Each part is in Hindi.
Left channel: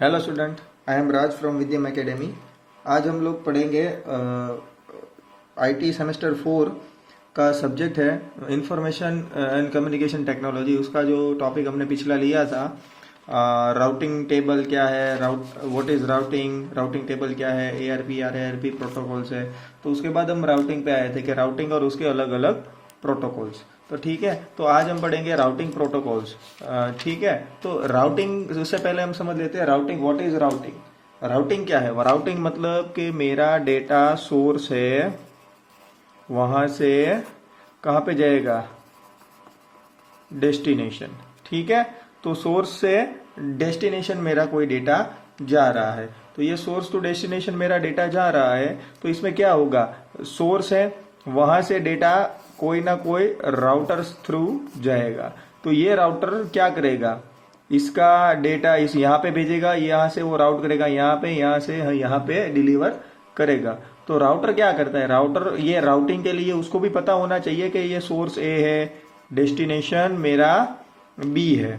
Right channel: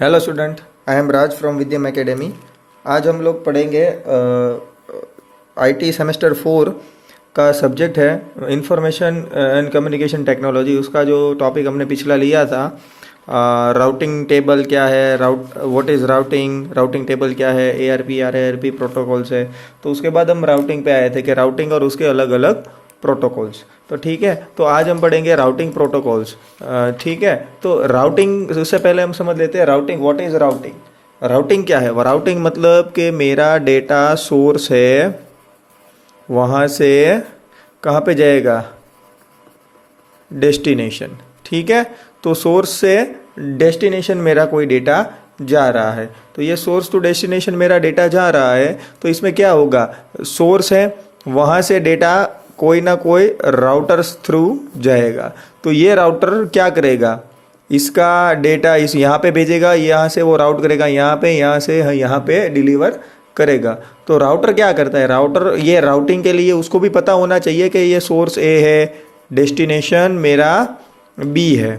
Hello student, I am Raj from Vidyam academy. आज हम लोग पढ़ेंगे आईटी सेमेस्टर 4 का सब्जेक्ट है इंफॉर्मेशन एंड कम्युनिकेशन टेक्नोलॉजी। उसका जो टॉपिक हमने पिछला लिया था, राउटिंग टेबल क्या है, what is routing, routing table क्या है, एआरपी आरआरपी प्रोटोकॉल्स है। तो उसके बाद हम राउटिंग पे आए थे कि राउटिंग और उसके अलग अलग प्रोटोकॉल्स। तो ठीक है, तो आज हम पढ़ेंगे राउटिंग प्रोटोकॉल्स। ठीक है, तो राउटिंग उससे पहले हम समझ लेते हैं routing. What is routing? Routing क्या है? राउटिंग मतलब कि मेरा डेटा सोर्स है, वहाँ से कहाँ पे जाएगा? डेस्टिनेशन। ठीक है, तो सोर्स से डेस्टिनेशन मेरा कोई डेटा जा रहा है। तो ये सोर्स टू डेस्टिनेशन मेरा डेटा जा रहा है, तो इसमें क्या होगा? सोर्स है, वहाँ से डेटा कोई ना कोई राउटर थ्रू जाएगा। तो ये राउटर क्या करेगा? इसका डेटा इस यहाँ पे भेजेगा, यहाँ से वो राउट करेगा यहाँ पे, यहाँ से यहाँ पे डिलीवर करेगा। तो राउटर क्या करता है? राउटर ये राउटिंग के लिए उसको भी पता होना चाहिए कि ये सोर्स ए है, डेस्टिनेशन मेरा बी है।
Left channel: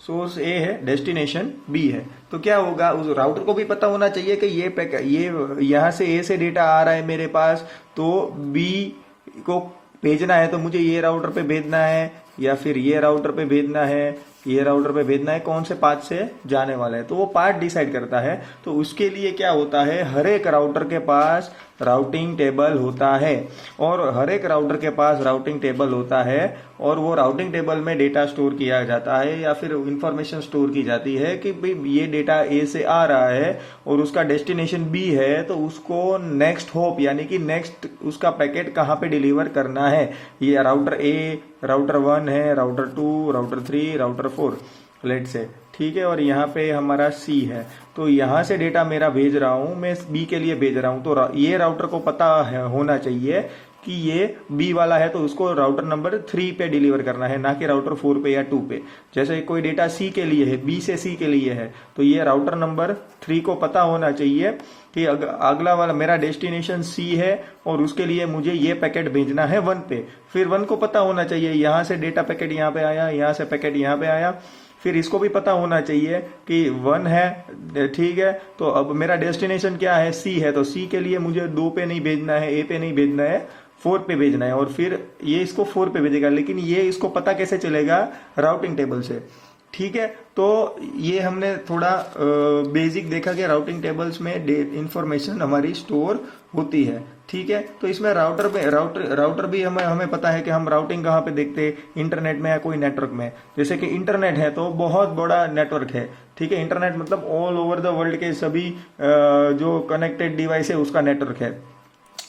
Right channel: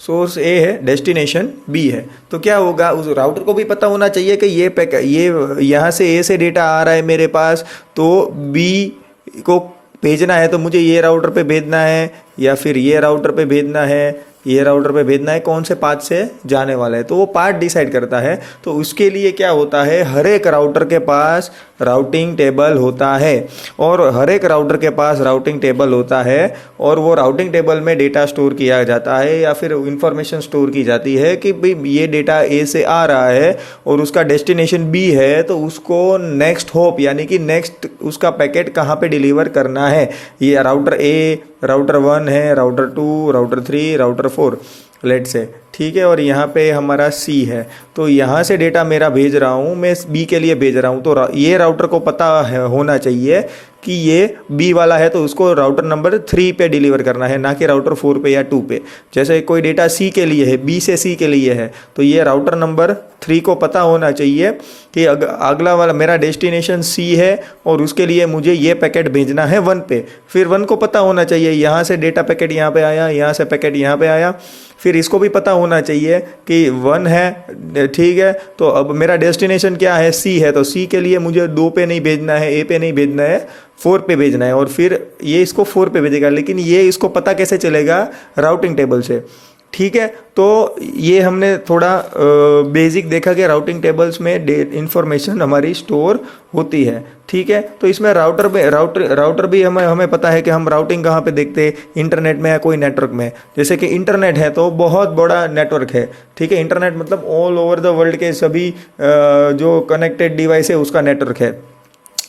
सोर्स ए है, डेस्टिनेशन बी है। तो क्या होगा? उस राउटर को भी पता होना चाहिए कि ये यहाँ से ए से डेटा आ रहा है मेरे पास, तो बी को भेजना है तो मुझे ये राउटर पे भेजना है, या फिर ये राउटर पे भेजना है, ये राउटर पे भेजना है, कौन से पाथ से जाने वाला है। तो वो पाथ डिसाइड करता है। तो उसके लिए क्या होता है? हर एक राउटर के पास राउटिंग टेबल होता है, और हर एक राउटर के पास राउटिंग टेबल होता है, और वो राउटिंग टेबल में डेटा स्टोर किया जाता है, या फिर इंफॉर्मेशन स्टोर की जाती है कि भाई ये डेटा ए से आ रहा है और उसका डेस्टिनेशन बी है, तो उसको नेक्स्ट होप यानी कि नेक्स्ट उसका पैकेट कहाँ पे डिलीवर करना है। ये राउटर ए, राउटर 1 है, राउटर 2, राउटर 3, राउटर 4 लेट से। ठीक है, और यहाँ पे हमारा सी है। तो यहाँ से डेटा मेरा भेज रहा हूँ, मैं बी के लिए भेज रहा हूँ। तो ये राउटर को पता होना चाहिए कि ये बी वाला है, तो उसको राउटर नंबर 3 पे डिलीवर करना है, ना कि राउटर 4 पे या 2 पे। जैसे कोई डेटा सी के लिए है, बी से सी के लिए है, तो ये राउटर नंबर 3 को पता होना चाहिए कि अगला वाला मेरा डेस्टिनेशन सी है और उसके लिए मुझे ये पैकेट भेजना है 1 पे। फिर 1 को पता होना चाहिए यहाँ से डेटा पैकेट यहाँ पे आया, यहाँ से पैकेट यहाँ पे आया। फिर इसको भी पता होना चाहिए कि 1 है, ठीक है, तो अब मेरा डेस्टिनेशन क्या है? सी है, तो सी के लिए मुझे 2 पे नहीं भेजना है, ए पे नहीं भेजना है, 4 पे भेजना है, और फिर ये इसको 4 पे भेजेगा। लेकिन ये इसको पता कैसे चलेगा? राउटिंग टेबल से। ठीक है, तो ये हमने थोड़ा बेसिक देखा कि राउटिंग टेबल्स में इंफॉर्मेशन हमारी स्टोर होती है। ठीक है, तो इसमें राउटर भी हमें पता है कि हम राउटिंग कहाँ पे देखते हैं, इंटरनेट में या कोई नेटवर्क में। जैसे कि इंटरनेट है तो बहुत बड़ा नेटवर्क है। ठीक है, इंटरनेट मतलब ऑल ओवर द वर्ल्ड के सभी जो कनेक्टेड डिवाइस है उसका नेटवर्क है।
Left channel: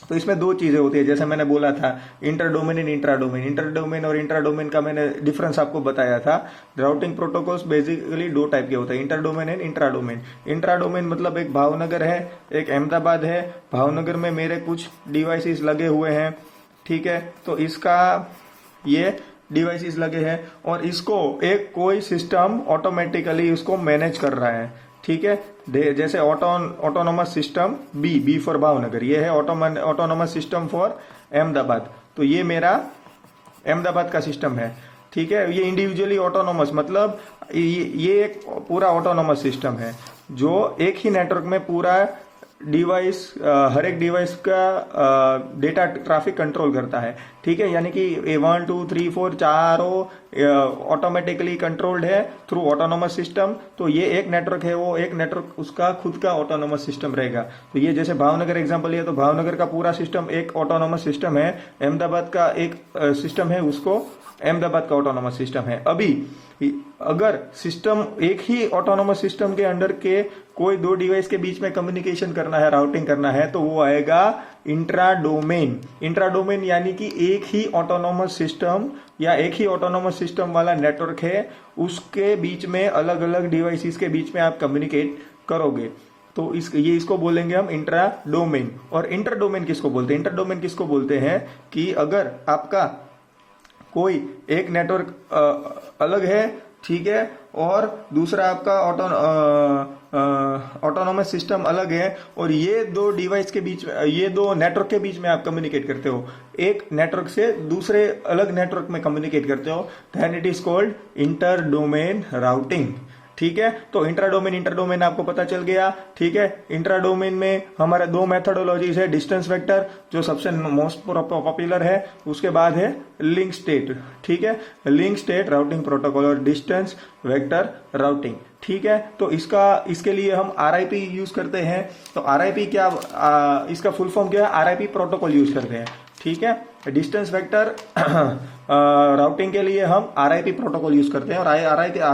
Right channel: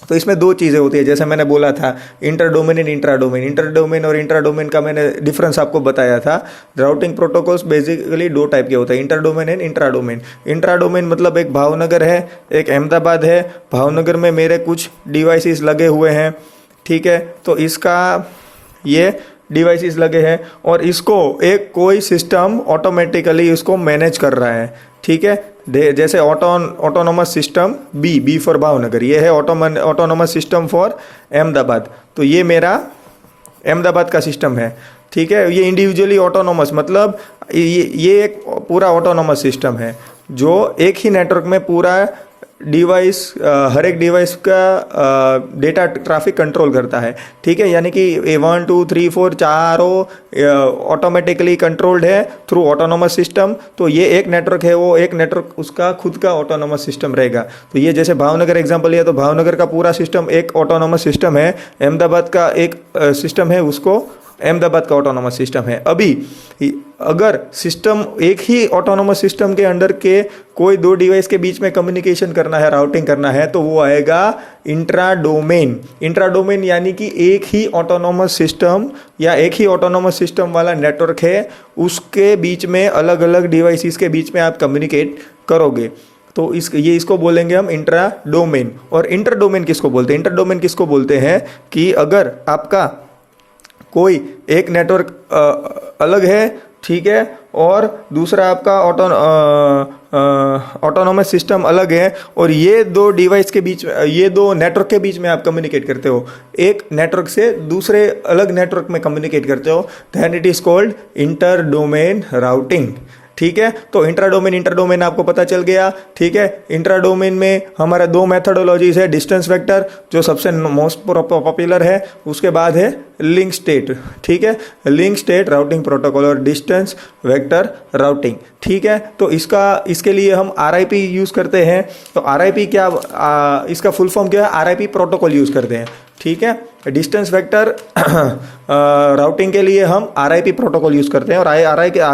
तो इसमें 2 चीज़ें होती है, जैसे मैंने बोला था inter domain and intra domain. Inter domain और इंट्रा डोमेन का मैंने डिफरेंस आपको बताया था। राउटिंग प्रोटोकॉल्स बेसिकली 2 टाइप के होते हैं, inter domain and intra domain. Intra domain मतलब एक भावनगर है, एक अहमदाबाद है। भावनगर में मेरे कुछ डिवाइसेस लगे हुए हैं, ठीक है, तो इसका ये डिवाइसेस लगे हैं और इसको एक कोई सिस्टम ऑटोमेटिकली इसको मैनेज कर रहा है। ठीक है, जैसे autonomous system B for Bhavnagar, ये है ऑटोनोमस सिस्टम फॉर अहमदाबाद। तो ये मेरा अहमदाबाद का सिस्टम है। ठीक है, ये इंडिविजुअली ऑटोनोमस मतलब ये एक पूरा ऑटोनोमस सिस्टम है जो एक ही नेटवर्क में पूरा डिवाइस, हर एक डिवाइस का डेटा ट्रैफिक कंट्रोल करता है। ठीक है, यानी कि 1 2 3 4 चारों ऑटोमेटिकली कंट्रोल्ड है थ्रू ऑटोनोमस सिस्टम। तो ये एक नेटवर्क है, वो एक नेटवर्क उसका खुद का ऑटोनोमस सिस्टम रहेगा। तो ये जैसे भावनगर एग्जांपल लिया तो भावनगर का पूरा सिस्टम एक ऑटोनोमस सिस्टम है, अहमदाबाद का एक सिस्टम है, उसको अहमदाबाद का ऑटोनोमस सिस्टम है। अभी अगर सिस्टम एक ही ऑटोनोमस सिस्टम के अंडर के कोई 2 डिवाइस के बीच में कम्युनिकेशन करना है, राउटिंग करना है, तो वो आएगा इंट्रा डोमेन। इंट्रा डोमेन यानी कि एक ही ऑटोनोमस सिस्टम या एक ही ऑटोनोमस सिस्टम वाला नेटवर्क है, उसके बीच में अलग अलग डिवाइसेस के बीच में आप कम्युनिकेट करोगे। तो इसको बोलेंगे हम इंट्रा डोमेन। और इंटर डोमेन किसको बोलते हैं? इंटर डोमेन किसको बोलते हैं कि अगर आपका कोई एक नेटवर्क अलग है, ठीक है, और दूसरा आपका ऑटोनोमस सिस्टम अलग है, और ये 2 डिवाइस के बीच में, ये 2 नेटवर्क के बीच में आप कम्युनिकेट करते हो, एक नेटवर्क से दूसरे अलग नेटवर्क में कम्युनिकेट करते हो, then it is called inter domain routing. ठीक है। तो इंट्रा डोमेन आपको पता चल गया, ठीक है। इंट्रा डोमेन में हमारा दो मेथडोलॉजीज है, डिस्टेंस वेक्टर जो सबसे मोस्ट पॉपुलर है, उसके बाद है लिंक स्टेट, ठीक है। लिंक स्टेट राउटिंग प्रोटोकॉल और डिस्टेंस वेक्टर राउटिंग, ठीक है। तो इसके लिए हम RIP यूज़ करते हैं। तो RIP क्या, इसका फुल फॉर्म क्या है, RIP प्रोटोकॉल यूज़ करते हैं, ठीक है। डिस्टेंस वेक्टर राउटिंग के लिए हम RIP प्रोटोकॉल यूज़ करते हैं, और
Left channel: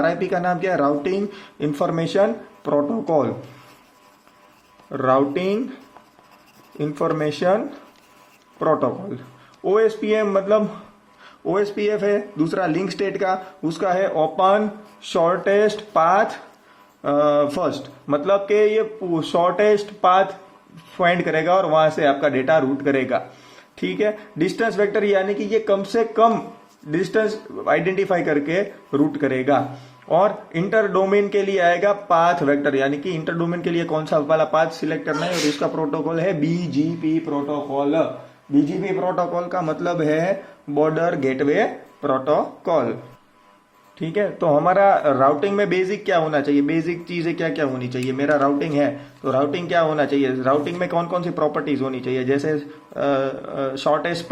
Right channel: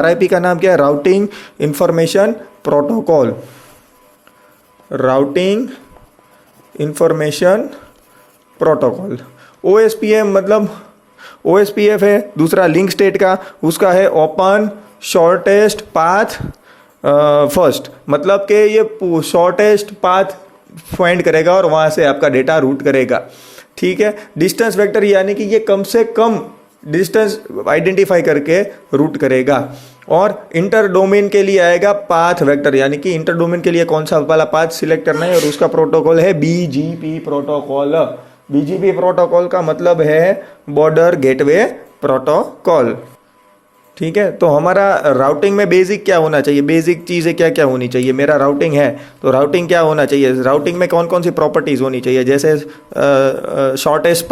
RIP का नाम क्या है, routing information protocol, routing information protocol. OSPF मतलब OSPF है, दूसरा लिंक स्टेट का, उसका है ओपन शॉर्टेस्ट पाथ फर्स्ट, मतलब कि ये शॉर्टेस्ट पाथ फाइंड करेगा और वहाँ से आपका डेटा रूट करेगा, ठीक है। डिस्टेंस वेक्टर यानी कि ये कम से कम डिस्टेंस आइडेंटिफाई करके रूट करेगा। और इंटर डोमेन के लिए आएगा पाथ वेक्टर, यानी कि इंटर डोमेन के लिए कौन सा वाला पाथ सिलेक्ट करना है, और उसका प्रोटोकॉल है BGP प्रोटोकॉल। BGP प्रोटोकॉल का मतलब है बॉर्डर गेटवे प्रोटोकॉल, ठीक है। तो हमारा राउटिंग में बेसिक क्या होना चाहिए, बेसिक चीज़ें क्या क्या होनी चाहिए। मेरा राउटिंग है तो राउटिंग क्या होना चाहिए, राउटिंग में कौन कौन सी प्रॉपर्टीज़ होनी चाहिए, जैसे शॉर्टेस्ट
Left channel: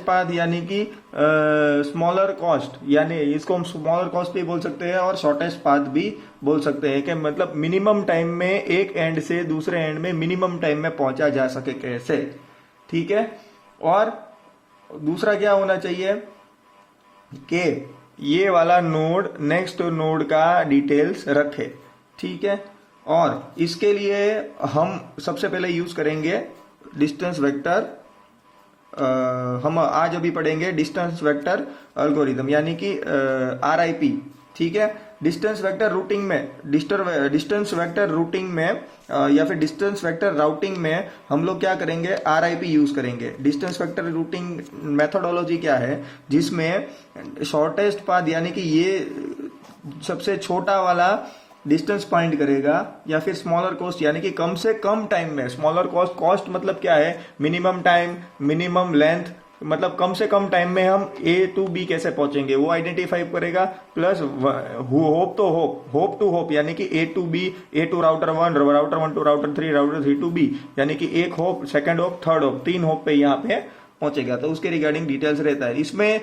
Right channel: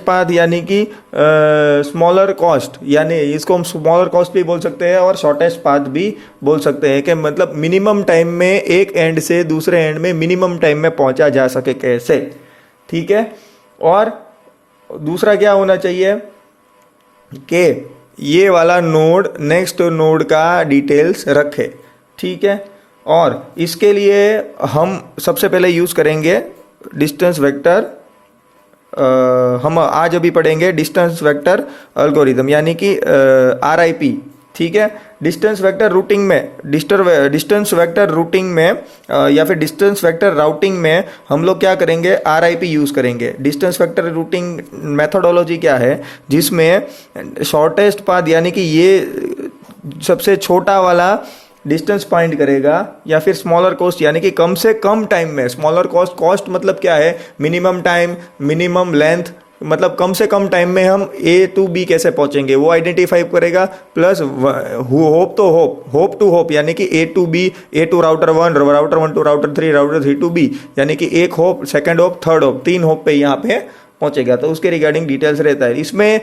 पाथ यानी कि स्मॉलर कॉस्ट, यानी इसको हम स्मॉलर कॉस्ट भी बोल सकते हैं और शॉर्टेस्ट पाथ भी बोल सकते हैं, कि मतलब मिनिमम टाइम में एक एंड से दूसरे एंड में मिनिमम टाइम में पहुंचा जा सके कैसे, ठीक है। और दूसरा क्या होना चाहिए कि ये वाला नोड नेक्स्ट नोड का डिटेल्स रखे, ठीक है। और इसके लिए हम सबसे पहले यूज़ करेंगे डिस्टेंस वेक्टर, हम आज अभी पढ़ेंगे डिस्टेंस वेक्टर एल्गोरिदम, यानी कि RIP, ठीक है। डिस्टेंस वेक्टर रूटिंग में डिस्टेंस वेक्टर रूटिंग में या फिर डिस्टेंस वेक्टर राउटिंग में हम लोग क्या करेंगे, RIP यूज़ करेंगे। डिस्टेंस वेक्टर रूटिंग मेथोडोलॉजी क्या है, जिसमें शॉर्टेस्ट पाथ यानी कि ये सबसे छोटा वाला डिस्टेंस फाइंड करेगा, या फिर स्मॉलर कॉस्ट यानी कि कम से कम टाइम में, स्मॉलर कॉस्ट मतलब क्या है, मिनिमम टाइम मिनिमम लेंथ, मतलब कम से कम टाइम में हम A to B कैसे पहुंचेंगे वो आइडेंटिफाई करेगा। प्लस होप टू होप यानी कि A to B, A to router 1 to router 3, router 3 to B, यानी कि एक hope, second hope, third hope, 3 hope पे यहाँ पे पहुंचेगा। तो उसके रिगार्डिंग डिटेल्स रहता है। इसमें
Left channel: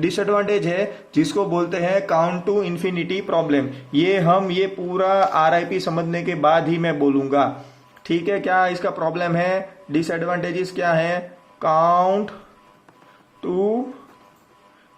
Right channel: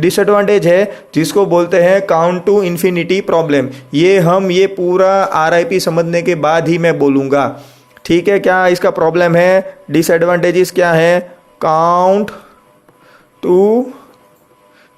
डिसएडवांटेज है जिसको बोलते हैं काउंट टू इन्फिनिटी प्रॉब्लम। ये पूरा RIP समझने के बाद ही मैं बोलूँगा, ठीक है। क्या इसका प्रॉब्लम है, डिसएडवांटेजेस क्या है, count to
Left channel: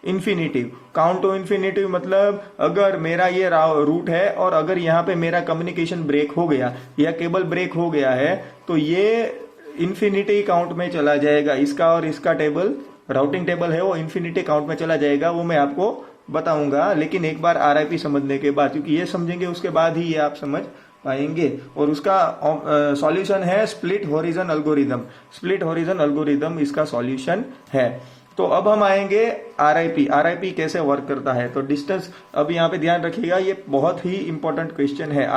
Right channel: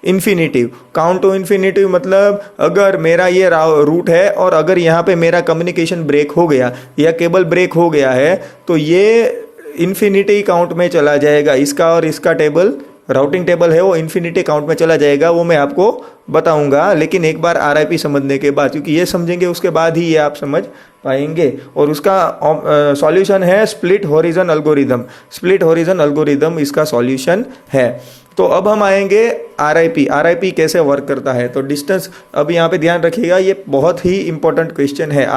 infinity. Count to infinity मतलब अगर मेरा ये रूट है और अगर यहाँ पे मेरा कम्युनिकेशन ब्रेक हो गया या केबल ब्रेक हो गया है तो ये इन्फिनिटी काउंट में चला जाएगा। इसका और इसका टेबल, राउटिंग टेबल है, वो इन्फिनिटी काउंट में चला जाएगा। वो मैं आपको बताऊंगा, लेकिन एक बार RIP समझने के बाद, क्योंकि ये समझेंगे उसके बाद ही ये आप समझ पाएंगे। और उसका सॉल्यूशन है split horizon algorithm. Split horizon algorithm इसका सॉल्यूशन है। तो अब हम आएंगे RIP कैसे वर्क करता है। तो डिस्टेंस, अब यहाँ पे ध्यान रखिएगा, ये बहुत ही इंपॉर्टेंट क्वेश्चन है।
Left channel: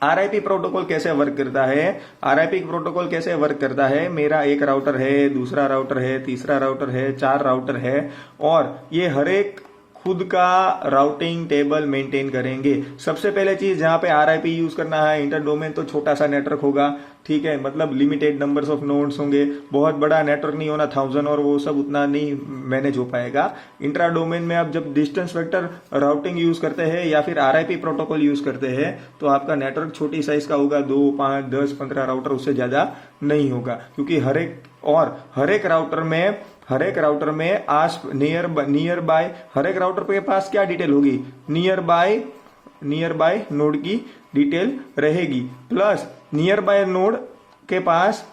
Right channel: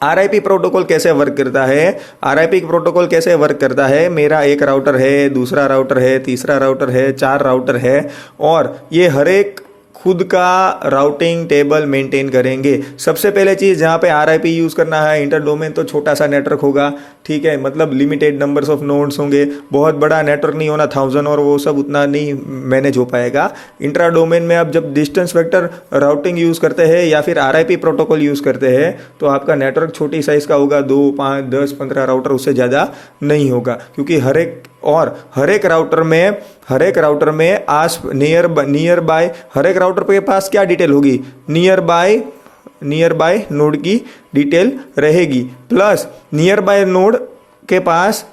RIP प्रोटोकॉल कैसे वर्क करता है, RIP प्रोटोकॉल कैसे वर्क करता है। मेरा एक राउटर है, दूसरा राउटर है, तीसरा राउटर है, 4 राउटर है, और ये हर एक खुद का राउटिंग टेबल मेंटेन करेंगे। सबसे पहले चीज़ जहाँ पे RIP यूज़ करना है, इंटर डोमेन तो छोटा सा नेटवर्क होगा, ठीक है, मतलब लिमिटेड नंबर्स ऑफ नोड्स होंगे, बहुत बड़ा नेटवर्क नहीं होना, 1000 और वो सब उतना नहीं मैनेज हो पाएगा। इंट्रा डोमेन में आप जब डिस्टेंस वेक्टर राउटिंग यूज़ करते हैं या फिर RIP प्रोटोकॉल यूज़ करते हैं तो आपका नेटवर्क छोटी साइज़ का होगा, 2, 5, 10, 15 राउटर, उससे ज़्यादा नहीं होगा, क्योंकि हर एक राउटर में आस नियर बाय हर एक राउटर के पास क्या डिटेल होगी, नियर बाय नोड की डिटेल रहेगी, प्लस नियर बाय नोड के पास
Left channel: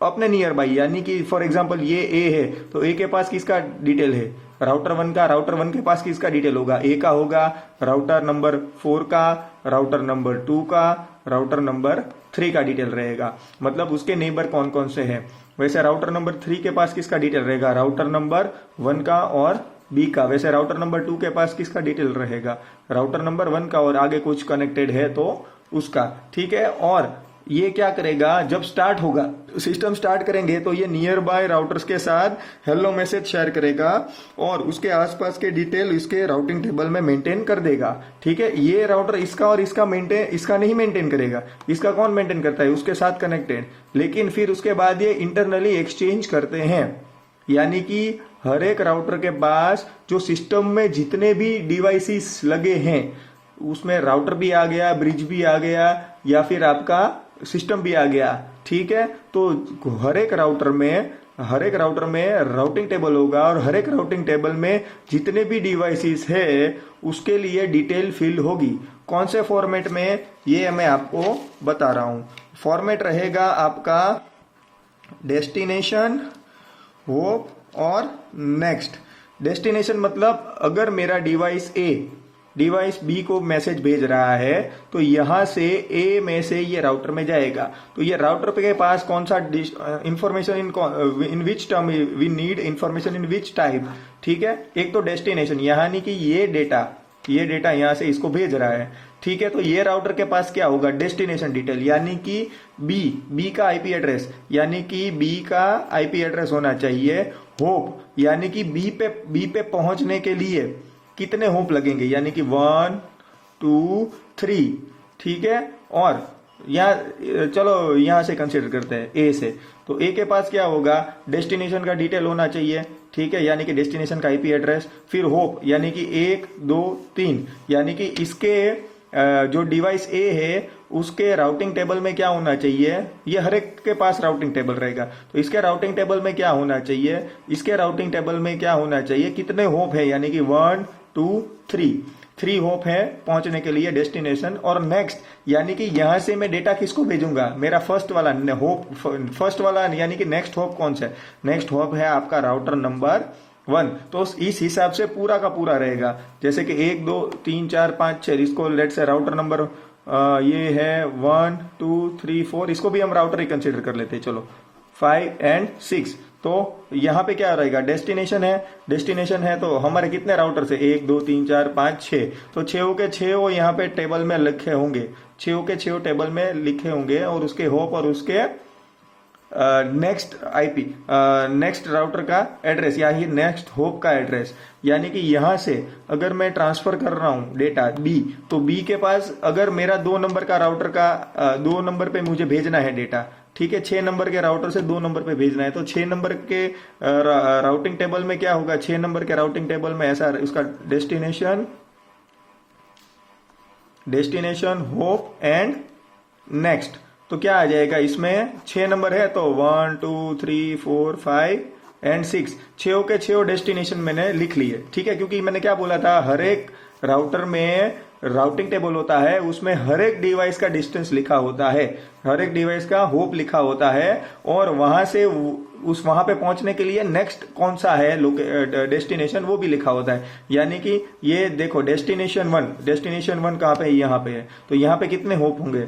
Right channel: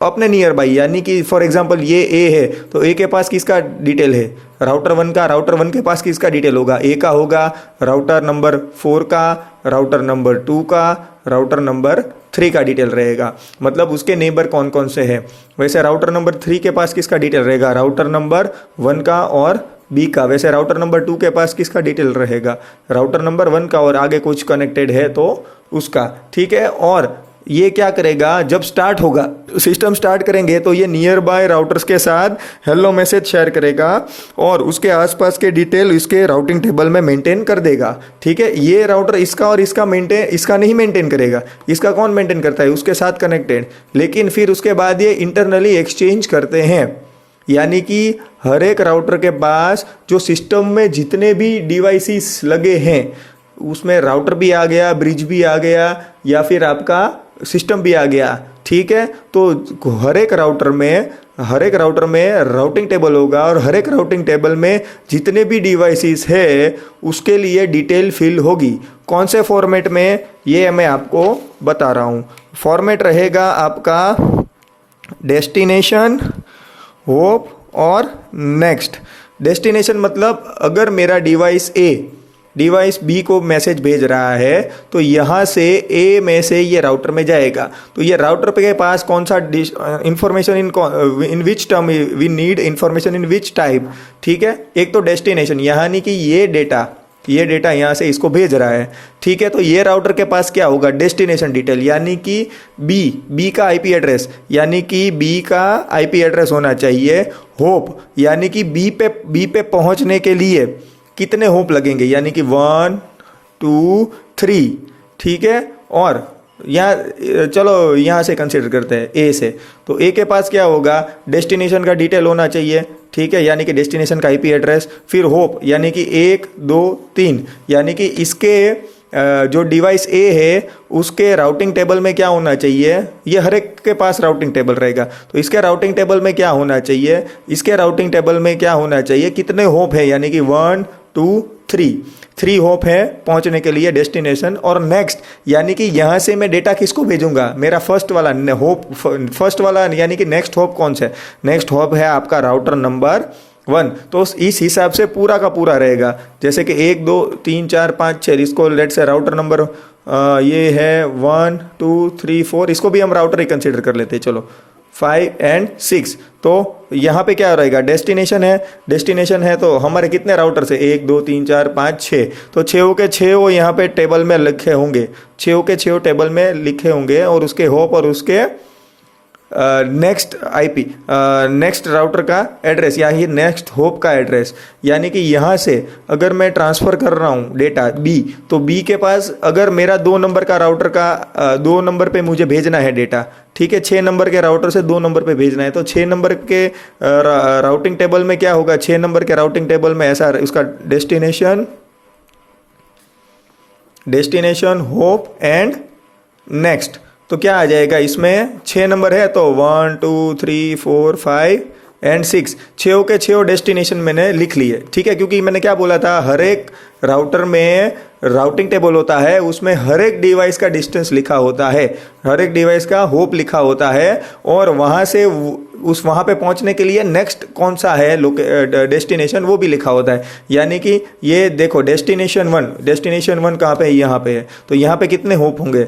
अपने नियर बाय, यानी कि फॉर एग्जांपल ये A है तो A के पास किसका डिटेल है, राउटर 1 के पास किसका डिटेल होगा, A का होगा, राउटर नंबर 4 का, राउटर नंबर 2 का, राउटर नंबर 3 का डिटेल रहेगा। मतलब उसके नेबर कौन कौन से हैं। वैसे राउटर नंबर 3 के पास किसका डिटेल रहेगा, राउटर नंबर 1 का और B का। वैसे राउटर नंबर 2 के पास किसका डिटेल रहेगा, राउटर नंबर 1 का, और आगे कुछ कनेक्टेड है तो उसका, ठीक है। और ये क्या करेगा, जब स्टार्ट होगा, सिस्टम स्टार्ट करेंगे तो ये नियर बाय राउटर्स के साथ हेलो मैसेज शेयर करेगा और उसके आसपास के डिटेल इसके राउटिंग टेबल में मेंटेन कर देगा। ठीक है, ये राउटर इसका और इसका नहीं मेंटेन करेगा, इसका कौन मेंटेन करता है, उसके साथ कनेक्टेड। लेकिन फिर उसके बाद ये इंटरनली एक्सचेंज करते हैं, यानी कि हर एक राउटर के पास जो सिस्टम में जितने भी डिवाइसेस लगे हैं उसमें राउटर भी आ गया, ब्रिज भी आ गया, या फिर आपका सिस्टम भी आ गया। ठीक है, तो हर एक राउटर में राउटिंग टेबल होगा और हर एक राउटिंग टेबल में जितने भी डिवाइसेस है उसके लिए डिटेल फिल होगी। कौन से फॉर्मेट में, ये मैं आपको बता रहा हूँ। फॉर्मेट रहेगा आपका डेस्टिनेशन, होप और नेक्स्ट। डेस्टिनेशन मतलब अगर मेरा डिवाइस बी को मैसेज भेज रहा है तो यहाँ से ए में से ये राउटर में जाएगा, तो ये राउटर के पास कौन सा information in which term we need information in which type. ठीक है, एक तो डेस्टिनेशन, यानी कि ये डेटा यहाँ से इसको भेज रहा है। ठीक है, तो ये राउटर के पास क्या होगा, डेस्टिनेशन डिटेल, यानी कि बी का आईपी एड्रेस, यानी कि बी का आईपी एड्रेस होना चाहिए। होप यानी कि बी पे पहुंचने के लिए कितने होप लगेंगे, यानी कि 1 2 3। ठीक है, और यहाँ चलो यहाँ से कंसिडर करते हैं ए से, तो ए के पास क्या होगा, डेस्टिनेशन का डिटेल होना चाहिए। ठीक है, यानी कि डेस्टिनेशन का आईपी एड्रेस, फिर होप यानी कि 1 2 3, यानी कि इसके जो डिवाइस ए है उसके राउटिंग टेबल में क्या होना चाहिए, ये हर एक के पास राउटिंग टेबल रहेगा, तो इसके राउटिंग टेबल में क्या होना चाहिए, इसके राउटिंग टेबल में क्या होना चाहिए, कितने होप है, यानी कि 1 2 3 होप है पहुंचने के लिए डेस्टिनेशन। और नेक्स्ट यानी कि यहाँ से मैं डेटा किसको भेजूंगा, मेरा फर्स्ट वाला यानी कि नेक्स्ट होप कौन सा है, नेक्स्ट होप है आपका राउटर नंबर 1। तो इस हिसाब से पूरा का पूरा रहेगा, जैसे कि 1 2 3 4 5 6, इसको लेट से राउटर नंबर ये है 1 2 3 4, इसको भी हम राउटर ही कंसिडर कर लेते हैं, चलो 5 और 6। तो यहाँ पे क्या रहेगा, डेस्टिनेशन है तो हमारे कितने राउटर से 1 2 3 4 5 6, तो 6 के 6 वो यहाँ पे टेबल में लिखे होंगे, 6 के 6 टेबल में लिखे होंगे, और उसके होप और उसके नेक्स्ट आईपी नेक्स्ट राउटर का एड्रेस या ये नेक्स्ट होप का एड्रेस, यानी कि यहाँ से अगर मैं ट्रांसफ़र कर रहा हूँ डेटा बी, तो बी के पास अगर मेरा 2 नंबर का राउटर का 2 नंबर पे मुझे भेजना है डेटा, ठीक है, 6 नंबर के राउटर से 2 नंबर पे भेजना है, तो 6 नंबर के राउटिंग टेबल में क्या होगा, 6 नंबर के राउटिंग टेबल में ऐसा उसका डेस्टिनेशन होप एंड नेक्स्ट, तो क्या आ जाएगा, इसमें 6 नंबर है तो 1 2 3 4 5 और 6, 6 के 6 डेस्टिनेशन मैंने लिख लिए। ठीक है, क्योंकि मैंने क्या बोला था, हर एक राउटर में राउटिंग टेबल होता है, उसमें हर एक डिवाइस का डिस्टेंस लिखा होता है, हर एक डिवाइस का होप लिखा होता है, और वहाँ से वहाँ पे पहुँचने के लिए नेक्स्ट कौन सा है डेस्टिनेशन वो भी लिखा होता है। यानी कि ये देखो डेस्टिनेशन 1 कहाँ पे है, यहाँ पे है, तो यहाँ पे कितने होप होंगे।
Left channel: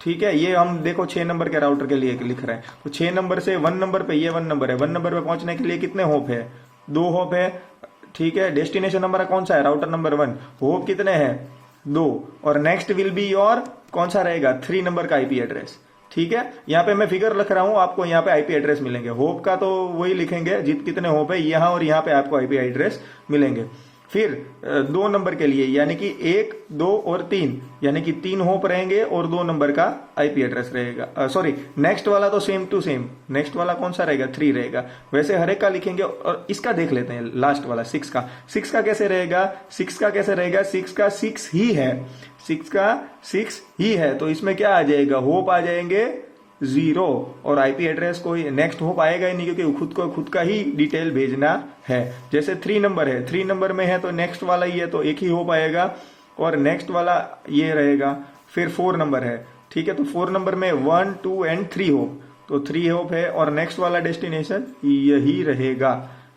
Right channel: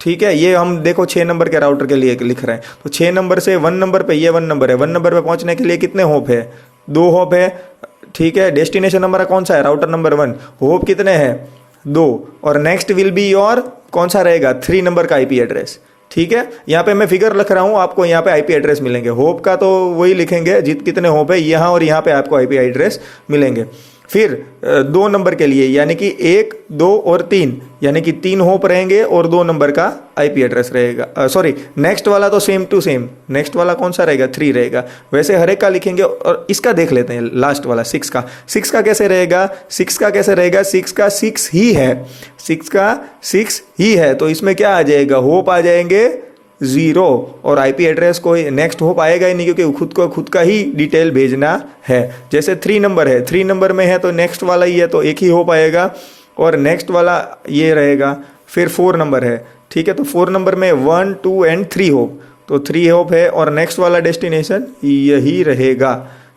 ठीक है, ये हम देखो 6 नंबर के राउटर के लिए लिख रहे हैं, तो 6 नंबर से 1 नंबर पे, ये 1 नंबर है, 1 नंबर पे पहुंचने के लिए कितने होप है, 2 होप है। ठीक है, डेस्टिनेशन नंबर कौन सा है, राउटर नंबर 1, होप कितने हैं, 2, और नेक्स्ट विल बी योर कौन सा रहेगा, 3 नंबर का आईपी एड्रेस। ठीक है, यहाँ पे मैं फिगर लिख रहा हूँ, आपको यहाँ पे आईपी एड्रेस मिलेंगे, होप का तो वही लिखेंगे कितने होप है यहाँ, और यहाँ पे आपको आईपी एड्रेस मिलेंगे। फिर 2 नंबर के लिए यानी कि 1 2 और 3, यानी कि 3 होप रहेंगे और 2 नंबर का आईपी एड्रेस रहेगा। सॉरी, नेक्स्ट वाला तो सेम टू सेम, नेक्स्ट वाला कौन सा रहेगा, 3 रहेगा, वैसे हर एक का लिखेंगे। और इसका देख लेते हैं लास्ट वाला 6 का कैसे रहेगा, 6 का 6 ही है, 6 का 6 ही है, तो इसमें क्या आ जाएगा, होप आ जाएंगे 0, और आईपी एड्रेस कोई नेक्स्ट होप आएगा ही नहीं, क्योंकि खुद का ही डिटेल भेजना है। जैसे 3 नंबर है, 3 नंबर में है तो नेक्स्ट वाला ही है, तो एक ही होप आएगा, और नेक्स्ट वाला ये रहेगा। फिर 4 नंबर है, ठीक है, तो 4 नंबर में 1 2 और 3 होप, तो 3 होप है, और नेक्स्ट वाला डेस्टिनेशन यही रहेगा।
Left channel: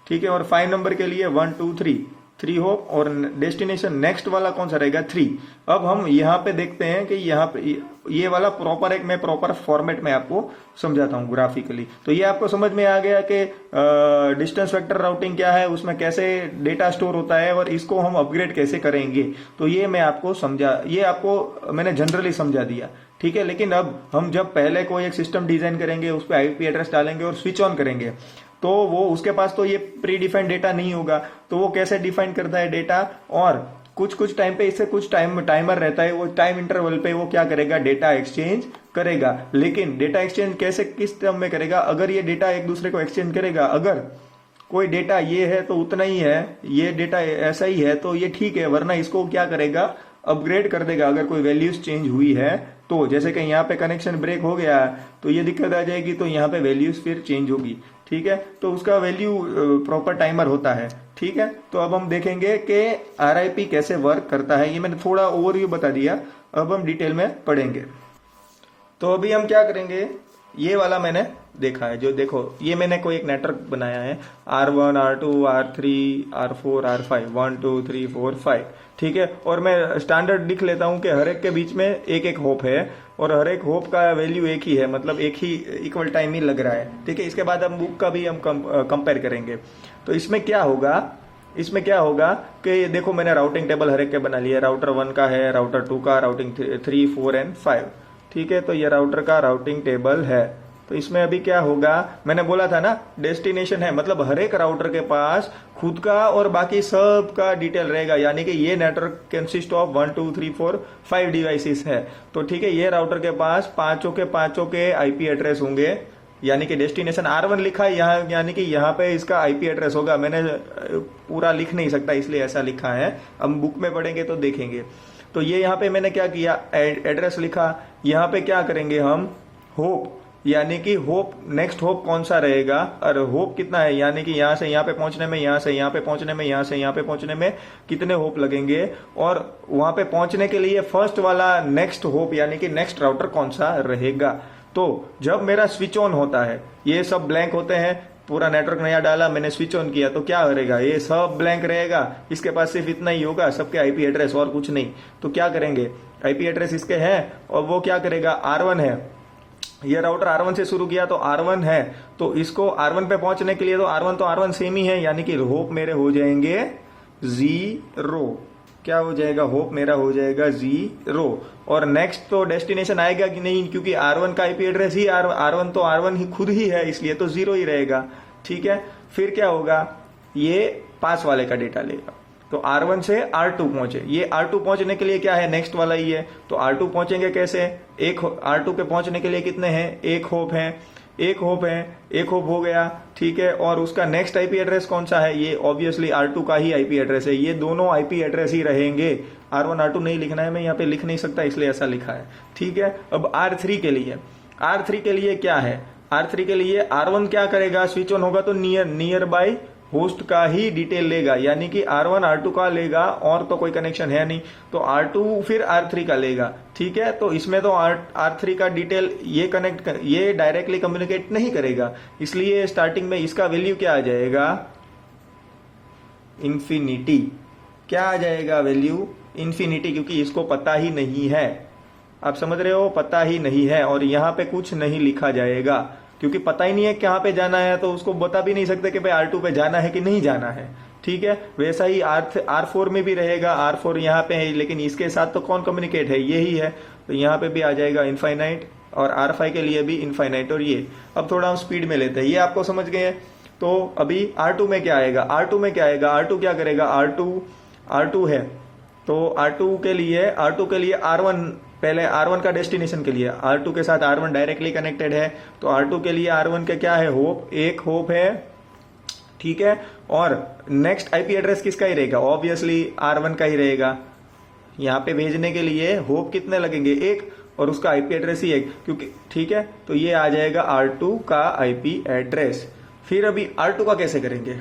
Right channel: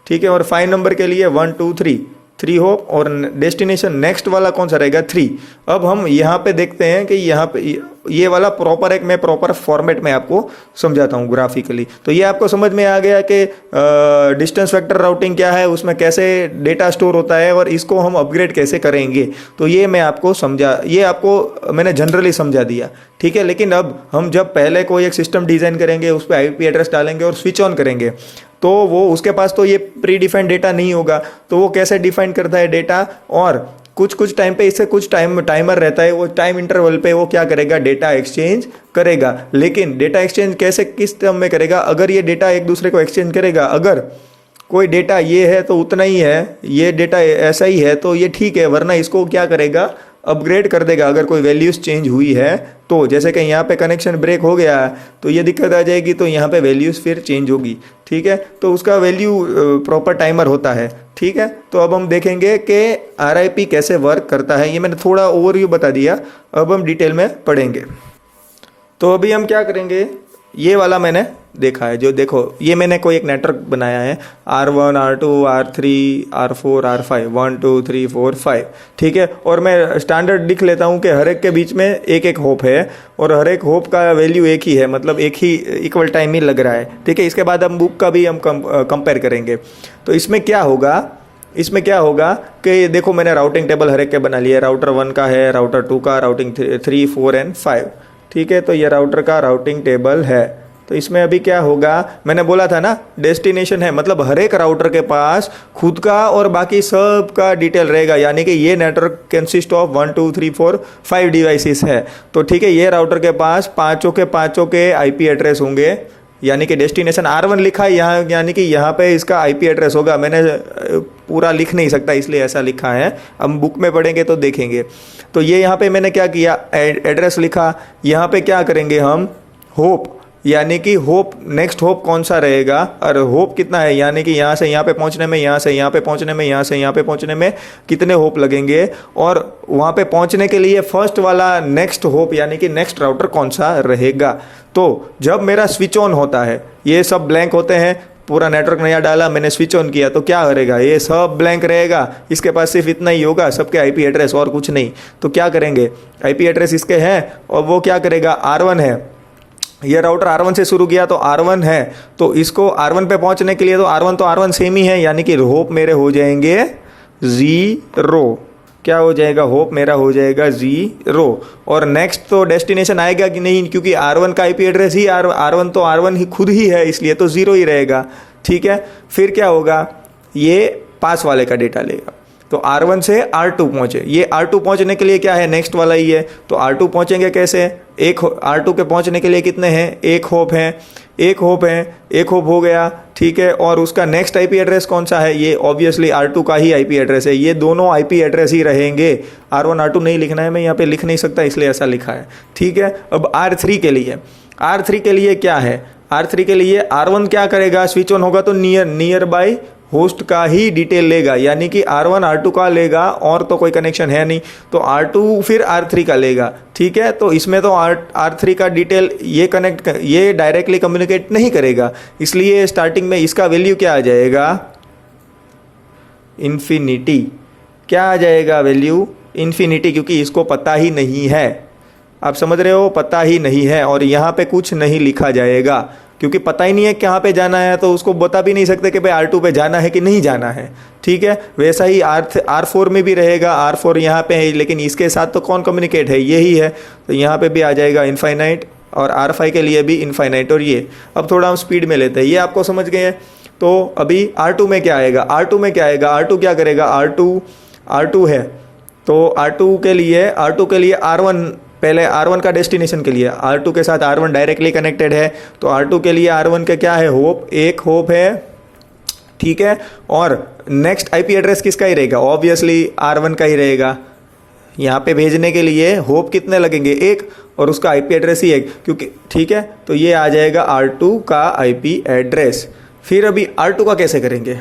ठीक है, और 5 नंबर के लिए 1 2 3, 3 होप, और डेस्टिनेशन नेक्स्ट वाला कौन सा रहेगा 3। अब हम यहाँ पे देखते हैं कि यहाँ पे ये वाला प्रॉपर एक मैं प्रॉपर फॉर्मेट में आपको समझाता हूँ ग्राफिकली। तो ये आपको समझ में आ गया कि डिस्टेंस वेक्टर राउटिंग क्या है, उसमें कैसे डेटा स्टोर होता है और इसको हम अपग्रेड कैसे करेंगे। तो ये मैं आपको ये आपको मैंने जनरली समझा दिया, ठीक है। लेकिन अब हम जब पहले कोई एक सिस्टम डिज़ाइन करेंगे, उस पर आईपी एड्रेस डालेंगे और स्विच ऑन करेंगे, तो वो उसके पास तो ये प्री डिफाइंड डेटा नहीं होगा। तो वो कैसे डिफाइन करता है डेटा, और कुछ टाइम पे इससे कुछ टाइमर रहता है, वो टाइम इंटरवल पे वो क्या करेगा, डेटा एक्सचेंज करेगा। लेकिन डेटा एक्सचेंज कैसे किस टर्म में करेगा, अगर ये डेटा एक दूसरे को एक्सचेंज करेगा, अगर कोई डेटा ये है तो उतना ही है, ये डेटा ऐसा ही है तो ये ठीक है, वरना इसको क्या करेगा, अपग्रेड कर देगा अगर कोई वैल्यूज चेंज हुई है तो। जैसे कि यहाँ पे कनेक्शन ब्रेक हो गया तो ये दिक्कत आ जाएगी, तो यहाँ पे वैल्यूज फिर चेंज होगी, ठीक है। तो उसका वैल्यू प्रॉपर टाइमर होता है, ठीक है। तो अब हम देखेंगे कि RIP कैसे वर्क करता है। ये मैंने थोड़ा ओवरव्यू बता दिया, अब हम डिटेल में पढ़ेंगे। तो अभी हम क्या करेंगे, ये वाला मैंने देखा है, जो देखो ये मैंने कोई एक नेटवर्क बनाया है R1 R2 R3 R4 R5 1 2 3 4 5, ठीक है। और मैं स्टैंडर्ड लिख लेता हूँ कि हर एक के बीच में एक एक होप है, और हर एक होप का वैल्यू एक ही है, मतलब एक ही इक्वल टाइम ही लग रहा है, ठीक है। इसके बाद हम बुक का भी हम कंपेयर करेंगे। तो इसमें क्या होगा कि देखो मैंने राउटिंग टेबल हर एक के बना लिया है। राउटर 1 का है, राउटर 2 का, राउटिंग 3 4 एंड 5, ठीक है। तो ये राउटर का राउटिंग टेबल है। तो इसमें अभी क्या होगा, मैंने बोला था ना डेस्टिनेशन है, मतलब हर एक राउटर के पास खुद का और बाकी सब का डिटेल रहेगा, यानी कि ये नेटवर्क कंसिस्ट ऑफ 1 2 3 4 5 डिवाइसेस है। तो ठीक है, ये राउटर के पास पाँचों के आईपी एड्रेस होंगे, यानी कि डेस्टिनेशन R1 लिखा है यहाँ, यानी कि यहाँ पे इसका आईपी एड्रेस होगा। मैंने पूरा लिख नहीं सकता इसलिए ऐसा लिखा है, हम बुक में पढ़ेंगे तो देखेंगे। तो ये यहाँ पे मैंने क्या किया, एड्रेस लिखा। यहाँ पे क्या करेंगे हम, होप, यानी कि होप नेक्स्ट होप कौन सा रहेगा और होप कितना है, यानी कि यहाँ से यहाँ पे पहुँचने में, यहाँ से यहाँ पे पहुँचने में, यहाँ से यहाँ पे पहुँचने में कितने होप लगेंगे, और वहाँ पे पहुँचने के लिए फर्स्ट वाला नेक्स्ट होप यानी कि नेक्स्ट राउटर कौन सा रहेगा। तो जब मेरा स्विच ऑन होता है, ये सब ब्लैंक होते हैं, पूरा नेटवर्क नया डाला, मैंने स्विच ऑन किया तो क्या करेगा, ये सब ब्लैंक रहेगा, इसके पास सिर्फ इतना ही होगा, सबके आईपी एड्रेस और कुछ नहीं। तो क्या करेंगे, आईपी एड्रेस इसके हैं और वो क्या करेगा, R1 है, ये राउटर R1 से शुरू किया तो R1 है, तो इसको R1 पे पहुंचने के लिए तो R1 सेम ही है, यानी कि होप मेरे हो जाएंगे 0। क्या हो जाएगा, होप मेरा हो जाएगा 0। और नेक्स्ट तो डेस्टिनेशन आएगा कि नहीं, क्योंकि R1 का आईपी एड्रेस ही R1 तो R1 ही खुद ही है, इसलिए तो 0 ही रहेगा, ठीक है। फिर क्या होगा, ये पास वाले का डेटा लेगा, तो R1 से R2 पहुँचे, ये R2 पहुँचने के लिए क्या है, नेक्स्ट वाला ही है। तो R2 पहुँचेंगे कैसे, R2 के पहुँचने के लिए कितने हैं, एक होप हो गया, ठीक है। और उसका नेक्स्ट आईपी एड्रेस कौन सा है, ये ऑब्वियसली R2 का ही आईपी एड्रेस है, ये दोनों आईपी एड्रेस ही रहेंगे। R1 R2 नहीं लिखना है, मैं यहाँ पे लिख नहीं सकता इसलिए ऐसा लिखा है, ठीक है। अब R3 के लिए क्या है, R3 के लिए R1 क्या करेगा, स्विच ऑन होगा तो नियर बाय होस्ट का ही डिटेल लेगा, यानी कि R1 R2 का लेगा, और तो कोई कनेक्शन है नहीं, तो R2 फिर R3 का लेगा, ठीक है। तो इसमें तो R3 का डिटेल ये डायरेक्टली कम्युनिकेट नहीं करेगा, इसलिए स्टार्टिंग में इसका वैल्यू क्या आ जाएगा, इन्फिनिटी। क्या आ जाएगा वैल्यू, इन्फिनिटी, क्योंकि इसको पता ही नहीं है, आप समझ रहे हो, पता ही नहीं है। और यहाँ पे कुछ नहीं लिखा जाएगा क्योंकि पता ही नहीं है कहाँ पे जाना है, तो उसको बता भी नहीं सकते कि भाई R2 पे जाना है कि नहीं जाना है, ठीक है। वैसा ही R4 में भी रहेगा, R4 यहाँ पे है, लेकिन इसके साथ तो कौन कम्युनिकेट है, यही है, तो यहाँ पे भी आ जाएगा इनफाइनाइट, और R5 के लिए भी इनफाइनाइट। और ये अब थोड़ा हम स्पीड में लेते हैं, ये आपको समझ गए हैं। तो अभी R2 में क्या आएगा, R2 क्या करेगा, R2 है, तो R2 के लिए R1, पहले R1 का डेस्टिनेशन के लिए R2 के साथ R1 डायरेक्टली कनेक्टेड है, तो R2 के लिए R1 का क्या है, होप, एक होप है, ठीक है। और नेक्स्ट आईपी एड्रेस किसका ही रहेगा, ऑब्वियसली R1 का ही रहेगा। यहाँ पे भेजने के लिए होप कितने लगेंगे, एक, और उसका आईपी एड्रेस ही एक, क्योंकि ठीक है। तो ये आ जाएगा R2 का आईपी एड्रेस। फिर अभी R2 का कैसे करेंगे,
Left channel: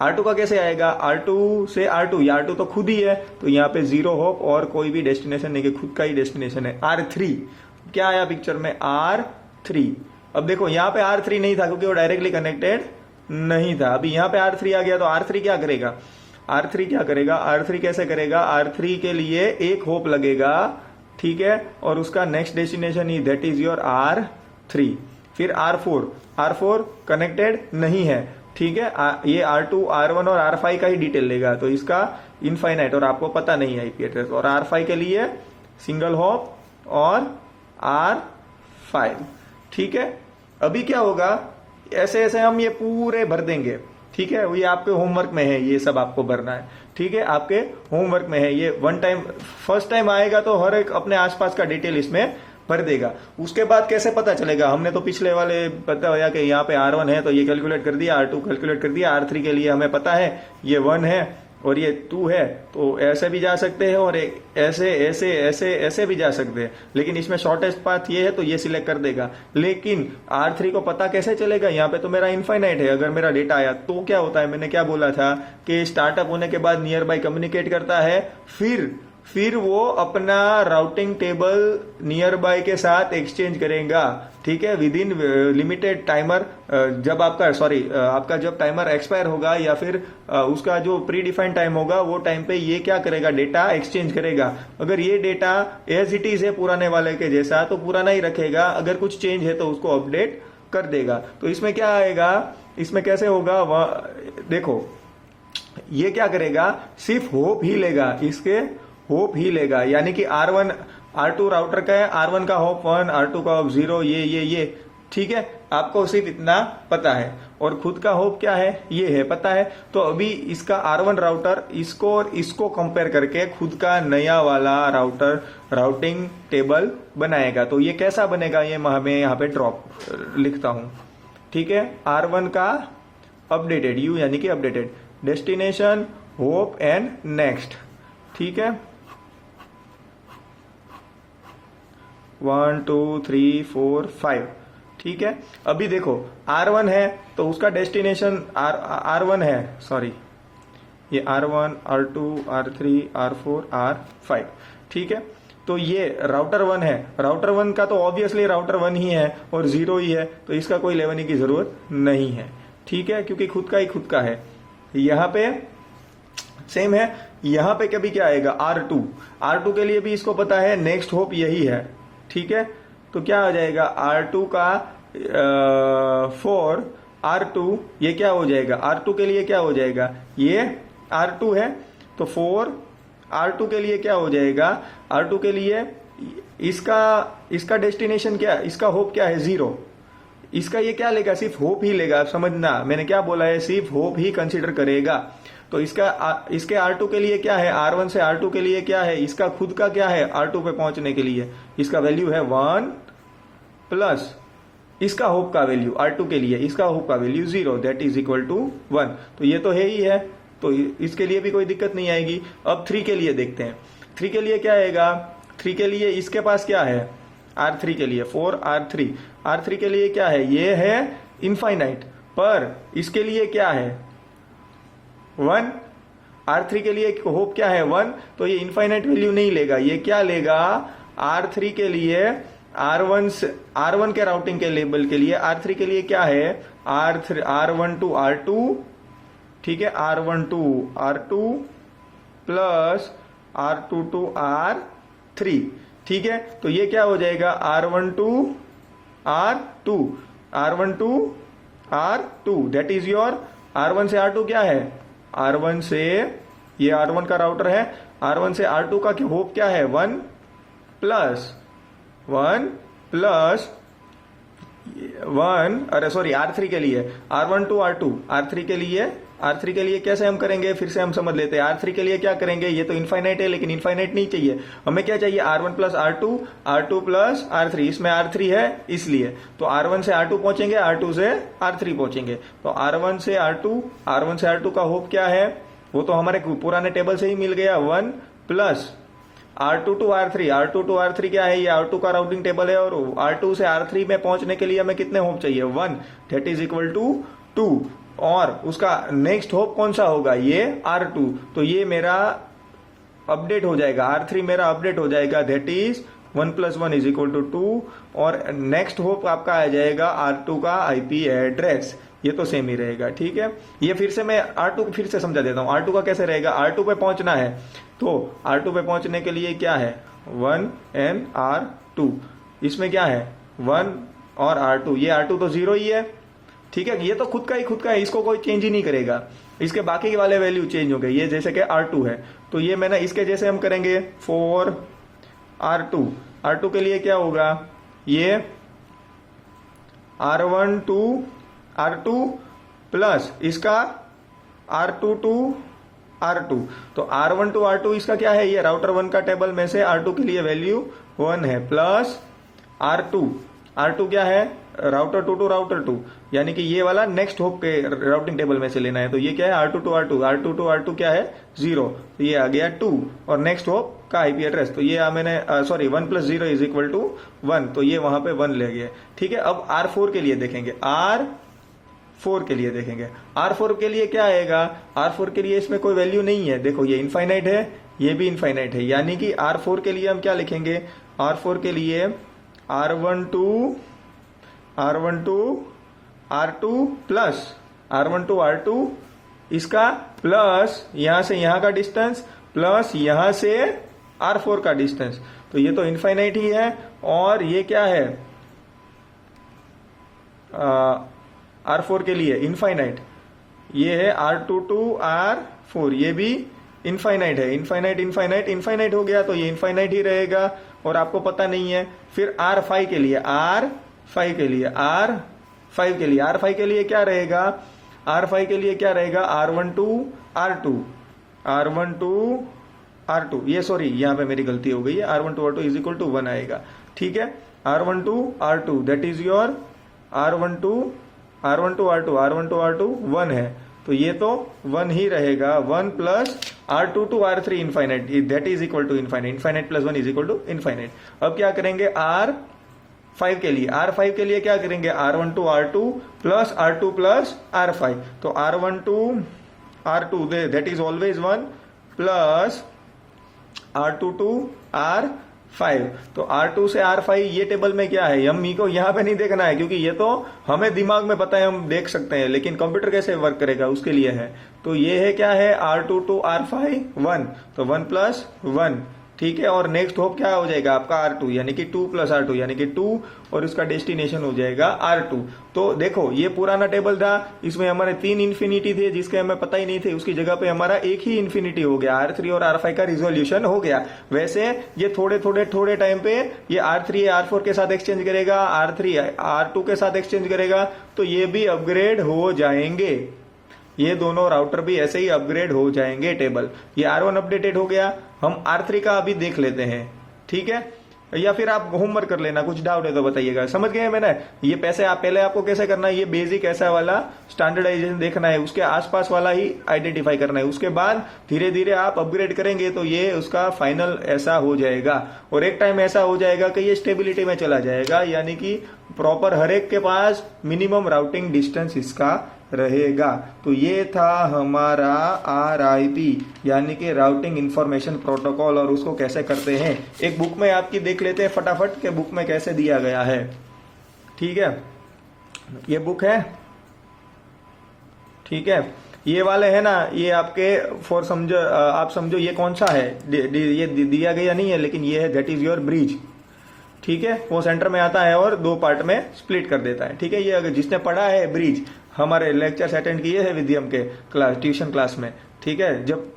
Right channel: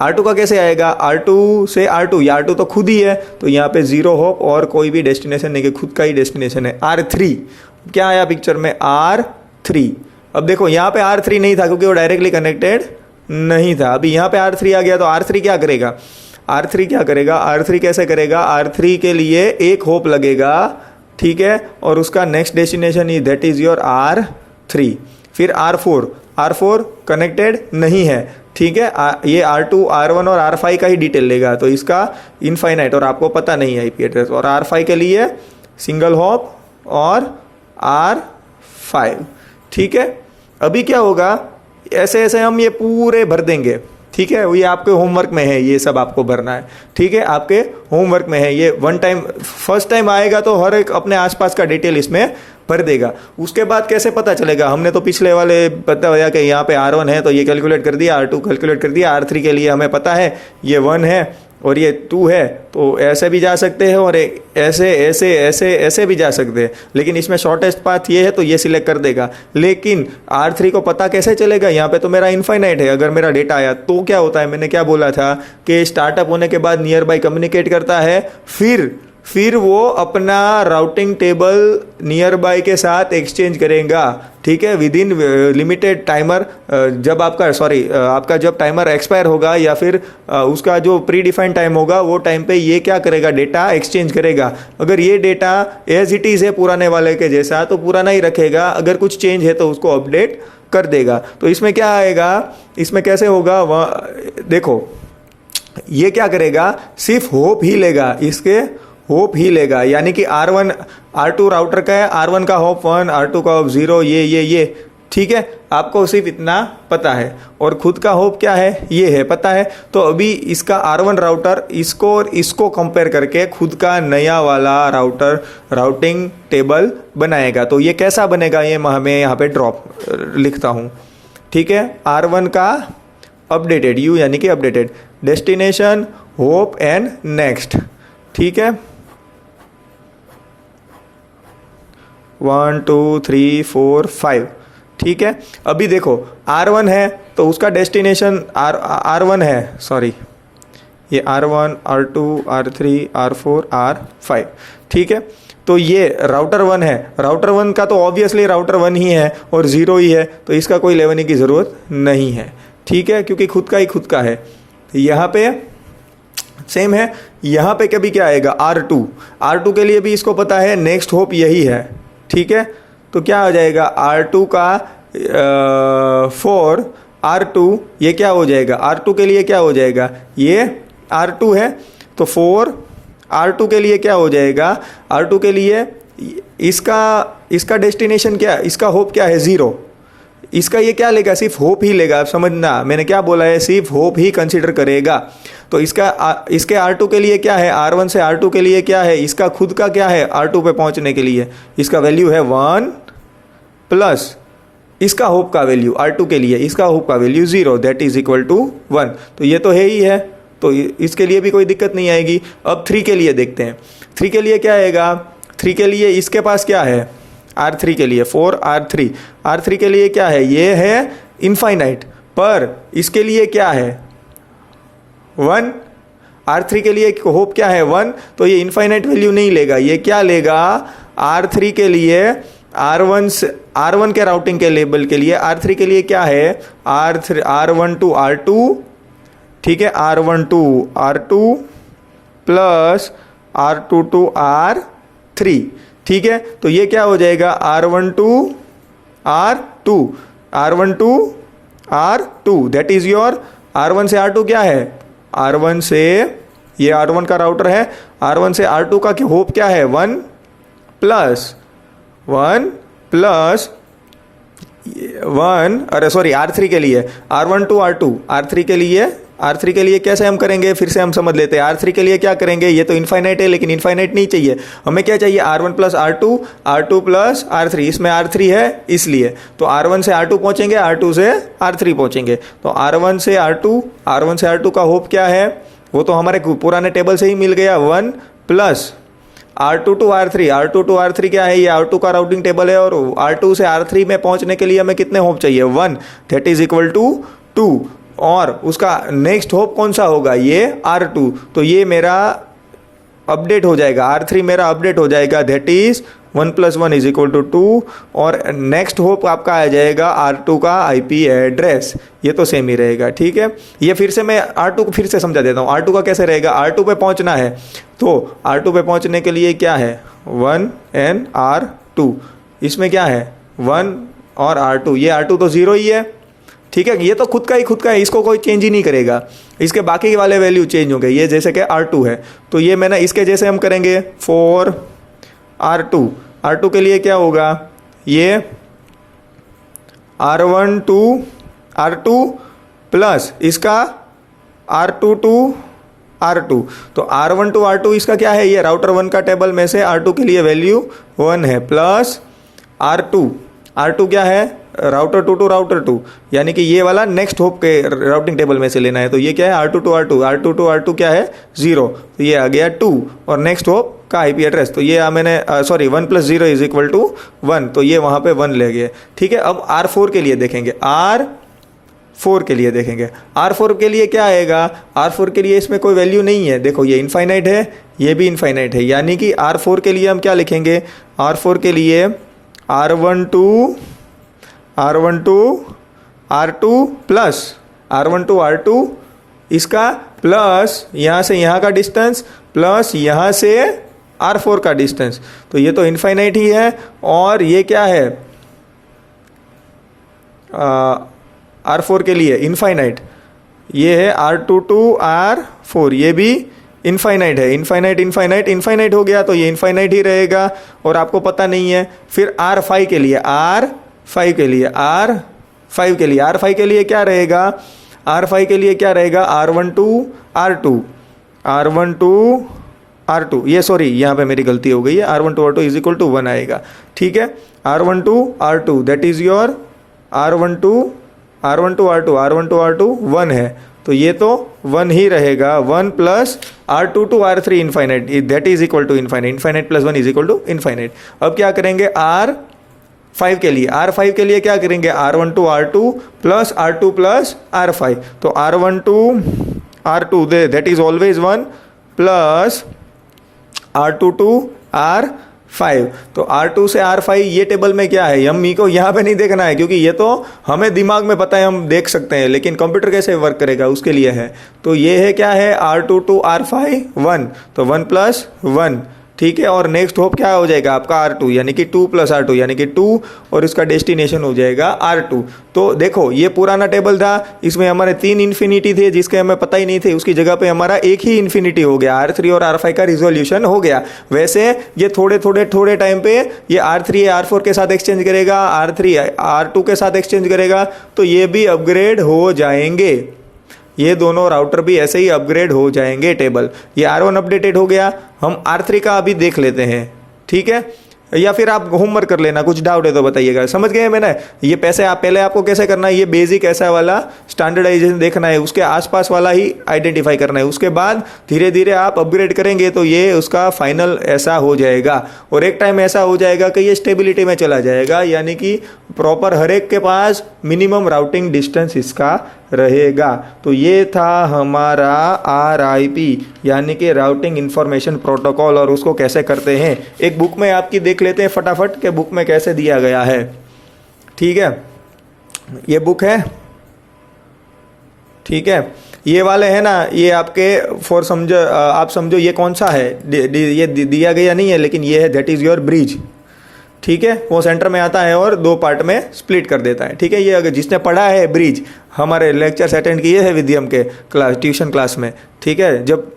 R2 का कैसे आएगा, R2 से R2, ये R2 तो खुद ही है, तो यहाँ पे 0 होप और कोई भी डेस्टिनेशन नहीं, खुद का ही डेस्टिनेशन है। R3 क्या आया पिक्चर में, R3। अब देखो यहाँ पे R3 नहीं था क्योंकि वो डायरेक्टली कनेक्टेड नहीं था, अभी यहाँ पे R3 आ गया, तो R3 क्या करेगा, R3 क्या करेगा, R3 कैसे करेगा, R3 के लिए एक होप लगेगा, ठीक है, और उसका next destination he that is your R3। फिर R4 कनेक्टेड नहीं है, ठीक है, ये R2 R1 और R5 का ही डिटेल लेगा, तो इसका इनफाइनाइट, और आपको पता नहीं है आईपी एड्रेस, और R5 के लिए सिंगल हॉप और R5, ठीक है। अभी क्या होगा, ऐसे ऐसे हम ये पूरे भर देंगे, ठीक है, ये आपके होमवर्क में है, ये सब आपको भरना है, ठीक है, आपके होमवर्क में है। ये वन टाइम फर्स्ट टाइम आएगा तो हर एक अपने आसपास का डिटेल इसमें भर देगा। उसके बाद कैसे पता चलेगा, हमने तो पिछले वाले पता होया कि यहाँ पे R1 है तो ये कैलकुलेट कर दिया, R2 कैलकुलेट कर दिया, R3 के लिए हमें पता है ये 1 है और ये 2 है, तो ऐसे भी जा सकते हैं और ऐसे ऐसे ऐसे ऐसे भी जा सकते हैं, लेकिन इसमें शॉर्टेस्ट पाथ ये है तो ये सिलेक्ट कर देगा। लेकिन R3 को पता कैसे चलेगा, यहाँ पे तो मेरा इनफाइनाइट है, अगर मेरा डेटा आया तो क्या होता है, मैंने क्या बोला था कि स्टार्टअप होने के बाद नियर बाय कम्युनिकेट करता है, फिर वो अपना राउटिंग टेबल नियर बाय के साथ एक्सचेंज करेगा, ठीक है, विद इन लिमिटेड टाइमर। जब आपका जब टाइमर एक्सपायर होगा या फिर उसका जो प्री डिफाइंड टाइम होगा वो टाइम पे ये क्या करेगा, डेटा एक्सचेंज करेगा। अगर ये डेटा एज इट इज़ है पुराने वाले के जैसा तो पुराना ही रखेगा, अगर कुछ चेंज है तो उसको अपडेट कर देगा। तो इसमें क्या आएगा, इसमें कैसे होगा, देखो ये क्या करेगा, सिर्फ होप ही लेगा, इसके होप ही लेगा, यानी कि R2 राउटर का है, R1 का होप 1, R2 का होप 0, ये ठीक है, आपको सिर्फ इतना पता है, और खुद का होप क्या है ये है पता है। तो अभी इसका R1 राउटर इसको और इसको कंपेयर करके खुद का नया वाला राउटिंग टेबल बनाएगा। तो ये कैसा बनेगा, ये मैं यहाँ पे ड्रॉप लिखता हूँ, ठीक है, R1 का अपडेटेड U यानी कि updated destination hope and next, ठीक है, 1 2 3 4 5, ठीक है। अभी देखो R1 है तो उसका डेस्टिनेशन R1 है, सॉरी ये R1 R2 R3 R4 R5, ठीक है। तो ये राउटर 1 है, राउटर 1 का तो ऑब्वियसली राउटर 1 ही है और 0 ही है, तो इसका कोई लेने की ज़रूरत नहीं है, ठीक है, क्योंकि खुद का ही खुद का है। यहाँ पे सेम है, यहाँ पे कभी क्या आएगा, R2 के लिए भी इसको पता है नेक्स्ट होप यही है, ठीक है। तो क्या हो जाएगा, R2 का 4 R2, ये क्या हो जाएगा, R2 के लिए क्या हो जाएगा, ये R2 है तो 4 R2 के लिए क्या हो जाएगा, R2 के लिए इसका डेस्टिनेशन क्या, इसका होप क्या है 0, इसका ये क्या लेगा, सिर्फ होप ही लेगा। आप समझना मैंने क्या बोला है, सिर्फ होप ही कंसीडर करेगा। तो इसके R2 के लिए क्या है, R1 से R2 के लिए क्या है, इसका खुद का क्या है, R2 पे पहुंचने के लिए इसका वैल्यू है 1 प्लस इसका होप का वैल्यू R2 के लिए, इसका होप का value 0 that is equal to 1। तो ये तो है ही है, तो इसके लिए भी कोई दिक्कत नहीं आएगी। अब 3 के लिए देखते हैं, 3 के लिए क्या आएगा, 3 के लिए इसके पास क्या है, R3 के लिए 4 R3 के लिए क्या है, ये है इनफाइनाइट, पर इसके लिए क्या है 1, R3 के लिए होप क्या है 1, तो ये इनफाइनाइट वैल्यू नहीं लेगा, ये क्या लेगा, R3 के लिए R1 के राउटिंग के लेबल के लिए R3 के लिए क्या है, R1 to R2, ठीक है, R1 to R2 plus R2 to R3, ठीक है। तो ये क्या हो जाएगा, R1 to R2 that is your R1 से R2 क्या है, R1 से ये R1 का राउटर है, R1 से R2 का होप क्या है 1 प्लस 1, अरे सॉरी R3 के लिए R1 to R2, R3 के लिए कैसे हम करेंगे, फिर से हम समझ लेते हैं। R3 के लिए क्या करेंगे, ये तो इनफाइनाइट है लेकिन इनफाइनाइट नहीं चाहिए हमें, क्या चाहिए R1 plus R2 plus R3, इसमें R3 है इसलिए, तो R1 से R2 पहुंचेंगे, R2 से R3 पहुंचेंगे। तो R1 से R2 का होप क्या है, वो तो हमारे पुराने टेबल से ही मिल गया 1 प्लस R2 to R3 क्या है, ये R2 का राउटिंग टेबल है, और R2 से R3 में पहुंचने के लिए हमें कितने होप चाहिए 1 दैट इज इक्वल टू 2, और उसका नेक्स्ट होप कौन सा होगा, ये R2। तो ये मेरा अपडेट हो जाएगा, R3 मेरा अपडेट हो जाएगा, दैट इज 1 + 1 = 2, और नेक्स्ट होप आपका आ जाएगा R2 का IP एड्रेस, ये तो सेम ही रहेगा। ठीक है, ये फिर से मैं R2 को फिर से समझा देता हूँ। R2 का कैसे रहेगा, R2 पे पहुँचना है तो R2 पे पहुँचने के लिए क्या है 1 and R2, इसमें क्या है 1 और R2, ये R2 तो 0 ही है। ठीक है, ये तो खुद का है, इसको कोई चेंज ही नहीं करेगा, इसके बाकी वाले वैल्यू चेंज हो गए। ये जैसे कि R2 है तो ये मैंने इसके जैसे हम करेंगे 4 R2 के लिए क्या होगा, ये R2 प्लस इसका R2 तो R2 इसका क्या है, ये राउटर 1 का टेबल में से R2 के लिए वैल्यू 1 है, प्लस R2 क्या है, राउटर 2 टू राउटर 2, यानी कि ये वाला नेक्स्ट होप के राउटिंग टेबल में से लेना है। तो ये क्या है R2 to R2 क्या है 0, तो ये आ गया 2, और नेक्स्ट होप का IP एड्रेस तो ये मैंने 1 + 0 = 1, तो ये वहाँ पे 1 ले गए। ठीक है, अब R4 के लिए देखेंगे, R4 के लिए क्या आएगा, R4 के लिए इसमें कोई वैल्यू नहीं है, देखो ये इनफाइनाइट है, ये भी इनफाइनाइट है, यानी कि R4 के लिए हम क्या लिखेंगे, R4 के लिए R12 R2 plus R12 R2 इसका प्लस यहाँ से यहाँ का डिस्टेंस प्लस यहाँ से R4 का डिस्टेंस, तो ये तो इनफाइनाइट ही है। और ये क्या है R4 के लिए इनफाइनाइट, ये है R2 to R4, ये भी इनफाइनाइट है, इनफाइनाइट हो गया तो ये इनफाइनाइट ही रहेगा, और आपको पता नहीं है। फिर R5 के लिए R5 के लिए क्या रहेगा, R5 के लिए क्या रहेगा R12 ये सॉरी यहाँ पे मेरी गलती हो गई है, R12 R2 = 1 आएगा। ठीक है, R12 R2 that is your R12 R2 1 है, तो ये तो 1 ही रहेगा, 1 plus R2 to R3 infinite that is equal to infinite plus 1 = infinite. अब क्या करेंगे R5 के लिए क्या करेंगे, R12 R2 plus R2 plus R5, तो R12 R2 that is always 1 plus R2 to R5, तो R2 से R5 ये टेबल में क्या है, हम को यहाँ पे नहीं देखना है क्योंकि ये तो हमें दिमाग में पता है, हम देख सकते हैं, लेकिन कंप्यूटर कैसे वर्क करेगा उसके लिए है। तो ये है क्या है R2 to R5 1, तो 1 + 1। ठीक है, और नेक्स्ट होप क्या हो जाएगा आपका R2 यानी कि 2 + R2 यानी कि 2, और इसका डेस्टिनेशन हो जाएगा R2। तो देखो ये पुराना टेबल था, इसमें हमारे 3 इन्फिनिटी थे जिसके हमें पता ही नहीं थे, उसकी जगह पे हमारा एक ही इन्फिनिटी हो गया, R3 और R5 का रिजोल्यूशन हो गया। वैसे ये थोड़े टाइम पे ये R3 R4 के साथ एक्सचेंज करेगा, R3 R2 के साथ एक्सचेंज करेगा, तो ये भी अपग्रेड हो जाएंगे, ये दोनों राउटर भी ऐसे ही अपग्रेड हो जाएंगे टेबल। ये R1 अपडेटेड हो गया, हम R3 का अभी देख लेते हैं। ठीक है, या फिर आप होमवर्क कर लेना, कुछ डाउट है तो बताइएगा। समझ गए मैंने, ये पहले आपको कैसे करना है, ये बेसिक ऐसा वाला स्टैंडर्डाइजेशन देखना है, उसके आसपास वाला ही आइडेंटिफाई करना है, उसके बाद धीरे धीरे आप अपग्रेड करेंगे तो ये उसका फाइनल ऐसा हो जाएगा, और एक टाइम ऐसा हो जाएगा कि ये स्टेबिलिटी में चला जाएगा, यानी कि प्रॉपर हर एक के पास मिनिमम राउटिंग डिस्टेंस इसका रहेगा। तो ये था हमारा RIP यानी कि राउटिंग इंफॉर्मेशन प्रोटोकॉल, और उसको कैसे करते हैं एक बुक में आपकी देख लेते हैं फटाफट के बुक में कैसे दिया गया है। ठीक है, ये बुक है, ठीक है, ये वाले है ना, ये आपके आप समझो ये कौन सा है, ये दिया गया नहीं है, लेकिन ये है दैट इज योर ब्रिज। ठीक है, वो सेंटर में आता है और 2 पार्ट में स्प्लिट कर देता है। ठीक है, ये अगर जिसने पढ़ा है ब्रिज, हमारे लेक्चर्स अटेंड किए हैं विद्यम के ट्यूशन क्लास में, ठीक है, जब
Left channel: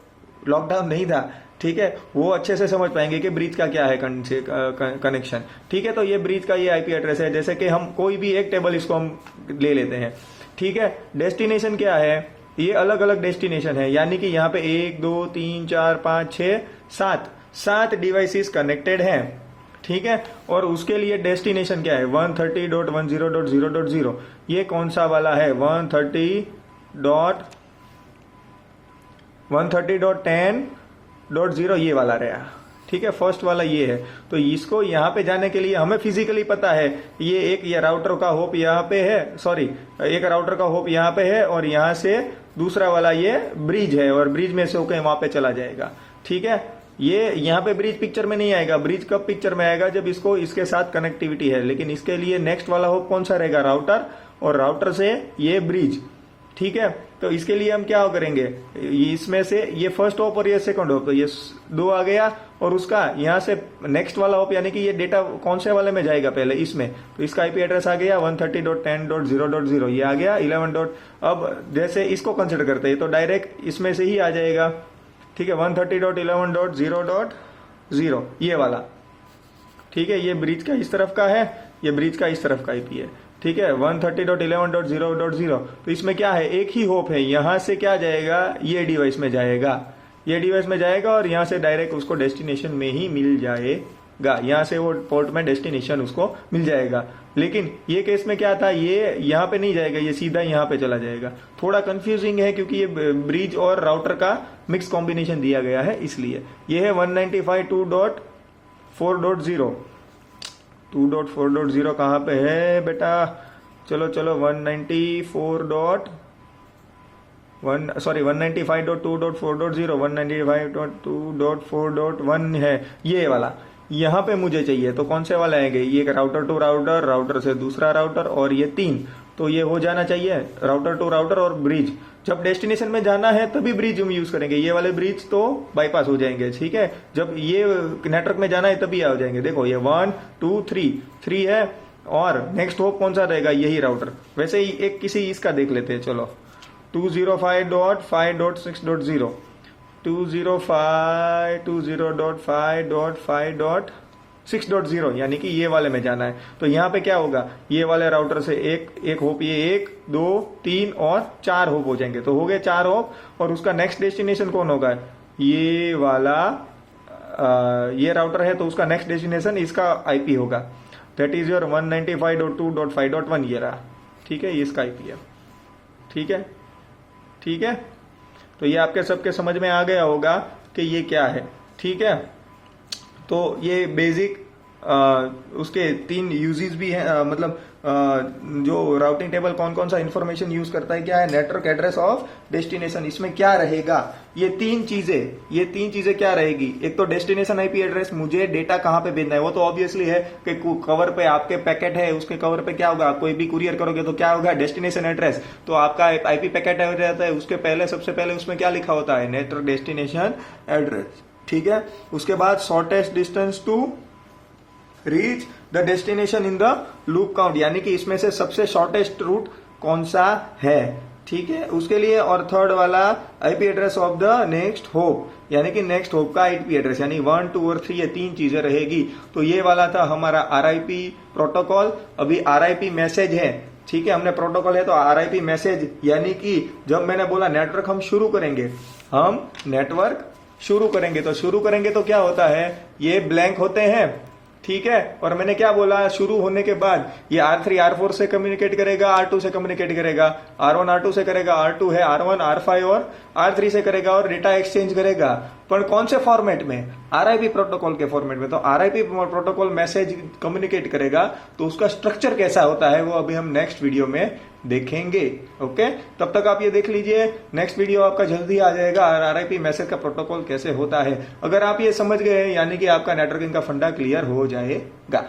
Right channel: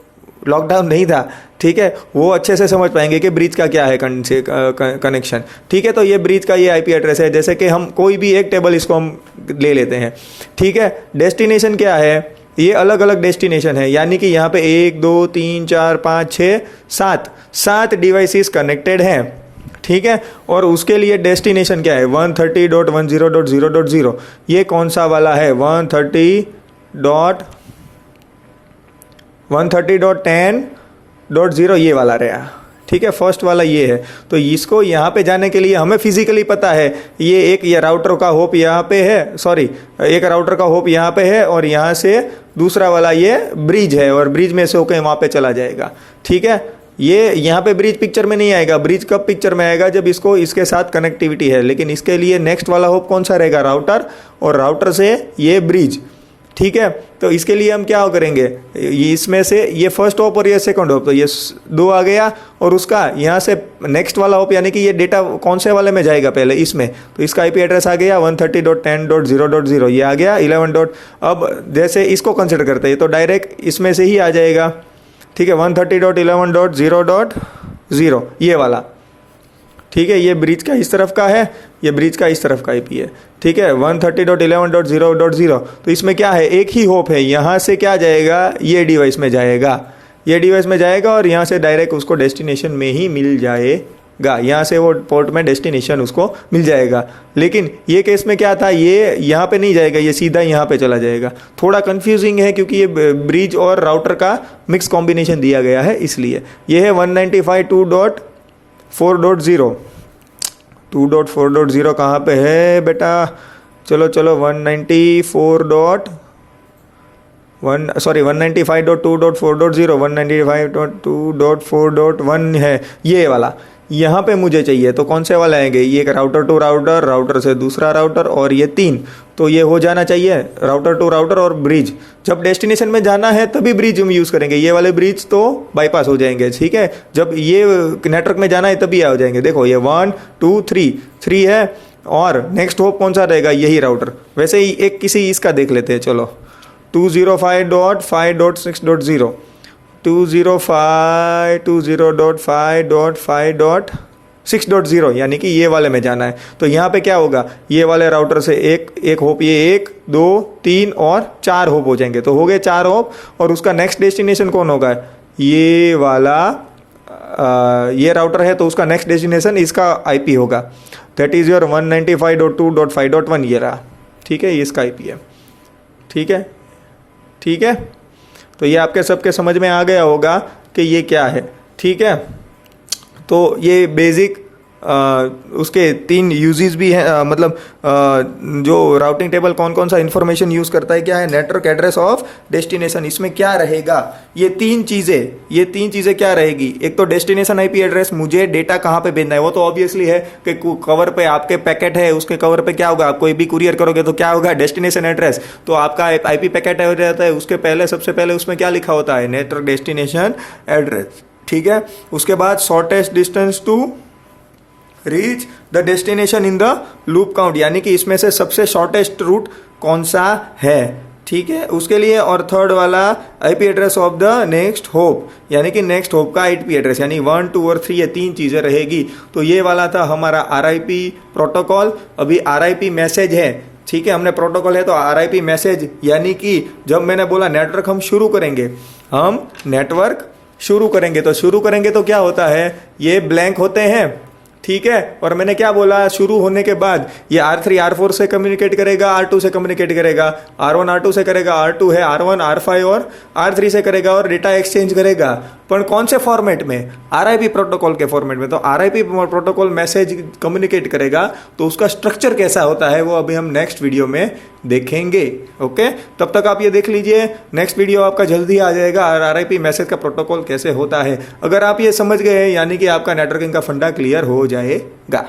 लॉकडाउन नहीं था, ठीक है, वो अच्छे से समझ पाएंगे कि ब्रिज का क्या है कनेक्शन। ठीक है, तो ये ब्रिज का ये IP एड्रेस है, जैसे कि हम कोई भी एक टेबल इसको हम ले लेते हैं। ठीक है, डेस्टिनेशन क्या है, ये अलग अलग डेस्टिनेशन है, यानी कि यहाँ पे 1 2 3 4 5 6 7 डिवाइसेस कनेक्टेड हैं। ठीक है, और उसके लिए डेस्टिनेशन क्या है 130.10.0.0, ये कौन सा वाला है 130.10.0, ये वाला रहा। ठीक है, फर्स्ट वाला ये है। तो इसको यहाँ पे जाने के लिए हमें फिजिकली पता है, ये राउटर का होप यहाँ पे है, सॉरी एक राउटर का होप यहाँ पे है, और यहाँ से दूसरा वाला ये ब्रिज है, और ब्रिज में से होकर वहाँ पे चला जाएगा। ठीक है, ये यहाँ पे ब्रिज पिक्चर में नहीं आएगा। ब्रिज कब पिक्चर में आएगा? जब इसको इसके साथ कनेक्टिविटी है। लेकिन इसके लिए नेक्स्ट वाला होप कौन सा रहेगा? राउटर, और राउटर से ये ब्रिज, ठीक है। तो इसके लिए हम क्या करेंगे, इसमें से ये फर्स्ट होप और ये सेकंड होप, तो ये 2 आ गया, और उसका यहाँ से नेक्स्ट वाला होप यानी कि ये डेटा कौन से वाले में जाएगा पहले, इसमें, तो इसका आईपी एड्रेस आ गया 130.10.0.0, ये आ गया 11. अब जैसे इसको कंसिडर करते हैं तो डायरेक्ट इसमें से ही आ जाएगा, ठीक है, 130.11.0.0 ये वाला, ठीक है। ये ब्रिज का इस तरफ का है, ये ब्रिज का इस तरफ का आईपी है, ठीक है, 130.11.0.0। तो इसमें क्या है, एक ही होप है, यहाँ से क्या जाएगा, ये डिवाइस में जाएगा, ये डिवाइस में जाएगा, और यहाँ से डायरेक्ट उसको डेस्टिनेशन में ही मिल जाएगा, यहाँ से वो पोर्ट में डेस्टिनेशन उसको मिल जाएगा। लेकिन ये केस में क्या था, ये यहाँ पे नहीं जाएगा, ये सीधा यहाँ पे चला जाएगा। थोड़ा कंफ्यूजिंग है क्योंकि ये ब्रिज और राउटर का मिक्स कॉम्बिनेशन दिया गया है, इसलिए ये है 195.2.4.0। 2.4.0 कहाँ पे है बेटा? चलो 195.2.4.0, 195.2.4.1 है ये वाला, यहाँ पे मुझे चाहिए। तो कौन से वाले आएंगे? ये एक राउटर टू राउटर, राउटर से दूसरा राउटर, और ये 3, तो ये हो जाना चाहिए राउटर टू राउटर और ब्रिज। जब डेस्टिनेशन में जाना है तभी ब्रिज हम यूज़ करेंगे, ये वाले ब्रिज तो बाईपास हो जाएंगे, ठीक है। जब ये नेटवर्क में जाना है तभी आ जाएंगे। देखो ये 1 2 3 है, और नेक्स्ट होप कौन सा रहेगा? यही राउटर। वैसे ही एक किसी इसका देख लेते हैं, चलो 205.5.6.0, 205.5.6.0 यानी कि ये वाले में जाना है। तो यहाँ पे क्या होगा, ये वाले राउटर से एक होप, ये 1 2 3 और 4 होप हो जाएंगे, तो हो गए 4 होप। और उसका नेक्स्ट डेस्टिनेशन कौन होगा? ये वाला, ये राउटर है तो उसका नेक्स्ट डेस्टिनेशन इसका आईपी होगा, दैट इज़ योर 195.2.5.1 ये रहा, ठीक है, ये इसका आईपी है, ठीक है, ठीक है। तो ये आपके सबके समझ में आ गया होगा कि ये क्या है, ठीक है। तो ये बेसिक उसके 3 यूजेस भी हैं, मतलब जो राउटिंग टेबल कौन कौन सा इन्फॉर्मेशन यूज़ करता है, क्या है, नेटवर्क एड्रेस ऑफ डेस्टिनेशन, इसमें क्या रहेगा, ये तीन चीज़ें क्या रहेगी। एक तो डेस्टिनेशन आईपी एड्रेस, मुझे डेटा कहाँ पे भेजना है, वो तो ऑब्वियसली है कि कवर पे आपके पैकेट है, उसके कवर पे क्या होगा, आप कोई भी कुरियर करोगे तो क्या होगा, डेस्टिनेशन एड्रेस। तो आपका आईपी पैकेट हो जाता है, उसके पहले सबसे पहले उसमें क्या लिखा होता है, नेटवर्क डेस्टिनेशन एड्रेस, ठीक है। उसके बाद shortest distance to reach the destination in the loop count, यानी कि इसमें से सबसे शॉर्टेस्ट रूट कौन सा है, ठीक है, उसके लिए। और थर्ड वाला IP address of the next hop, यानी कि नेक्स्ट होप का आईपी एड्रेस, यानी 1 2 और 3 ये 3 चीज़ें रहेगी। तो ये वाला था हमारा आरआईपी प्रोटोकॉल। अभी आरआईपी मैसेज है, ठीक है, हमने प्रोटोकॉल है तो आरआईपी मैसेज, यानी कि जब मैंने बोला नेटवर्क हम शुरू करेंगे, तो शुरू करेंगे तो क्या होता है, ये ब्लैंक होते हैं, ठीक है। और मैंने क्या बोला, शुरू होने के बाद ये R3 R4 से कम्युनिकेट करेगा, R2 से कम्युनिकेट करेगा, R1 R2 से करेगा, R2 है R1 R5 और R3 से करेगा, और डेटा एक्सचेंज करेगा। पर कौन से फॉर्मेट में, आरआईपी प्रोटोकॉल के फॉर्मेट में। तो आरआईपी प्रोटोकॉल मैसेज कम्युनिकेट करेगा, तो उसका स्ट्रक्चर कैसा होता है वो अभी हम नेक्स्ट वीडियो में देखेंगे, ओके। तब तक आप ये देख लीजिए, नेक्स्ट वीडियो आपका जल्दी आ जाएगा, आरआईपी मैसेज का प्रोटोकॉल कैसे होता है। अगर आप ये समझ गए, यानी कि आपका नेटवर्किंग का फंडा क्लियर हो जाएगा।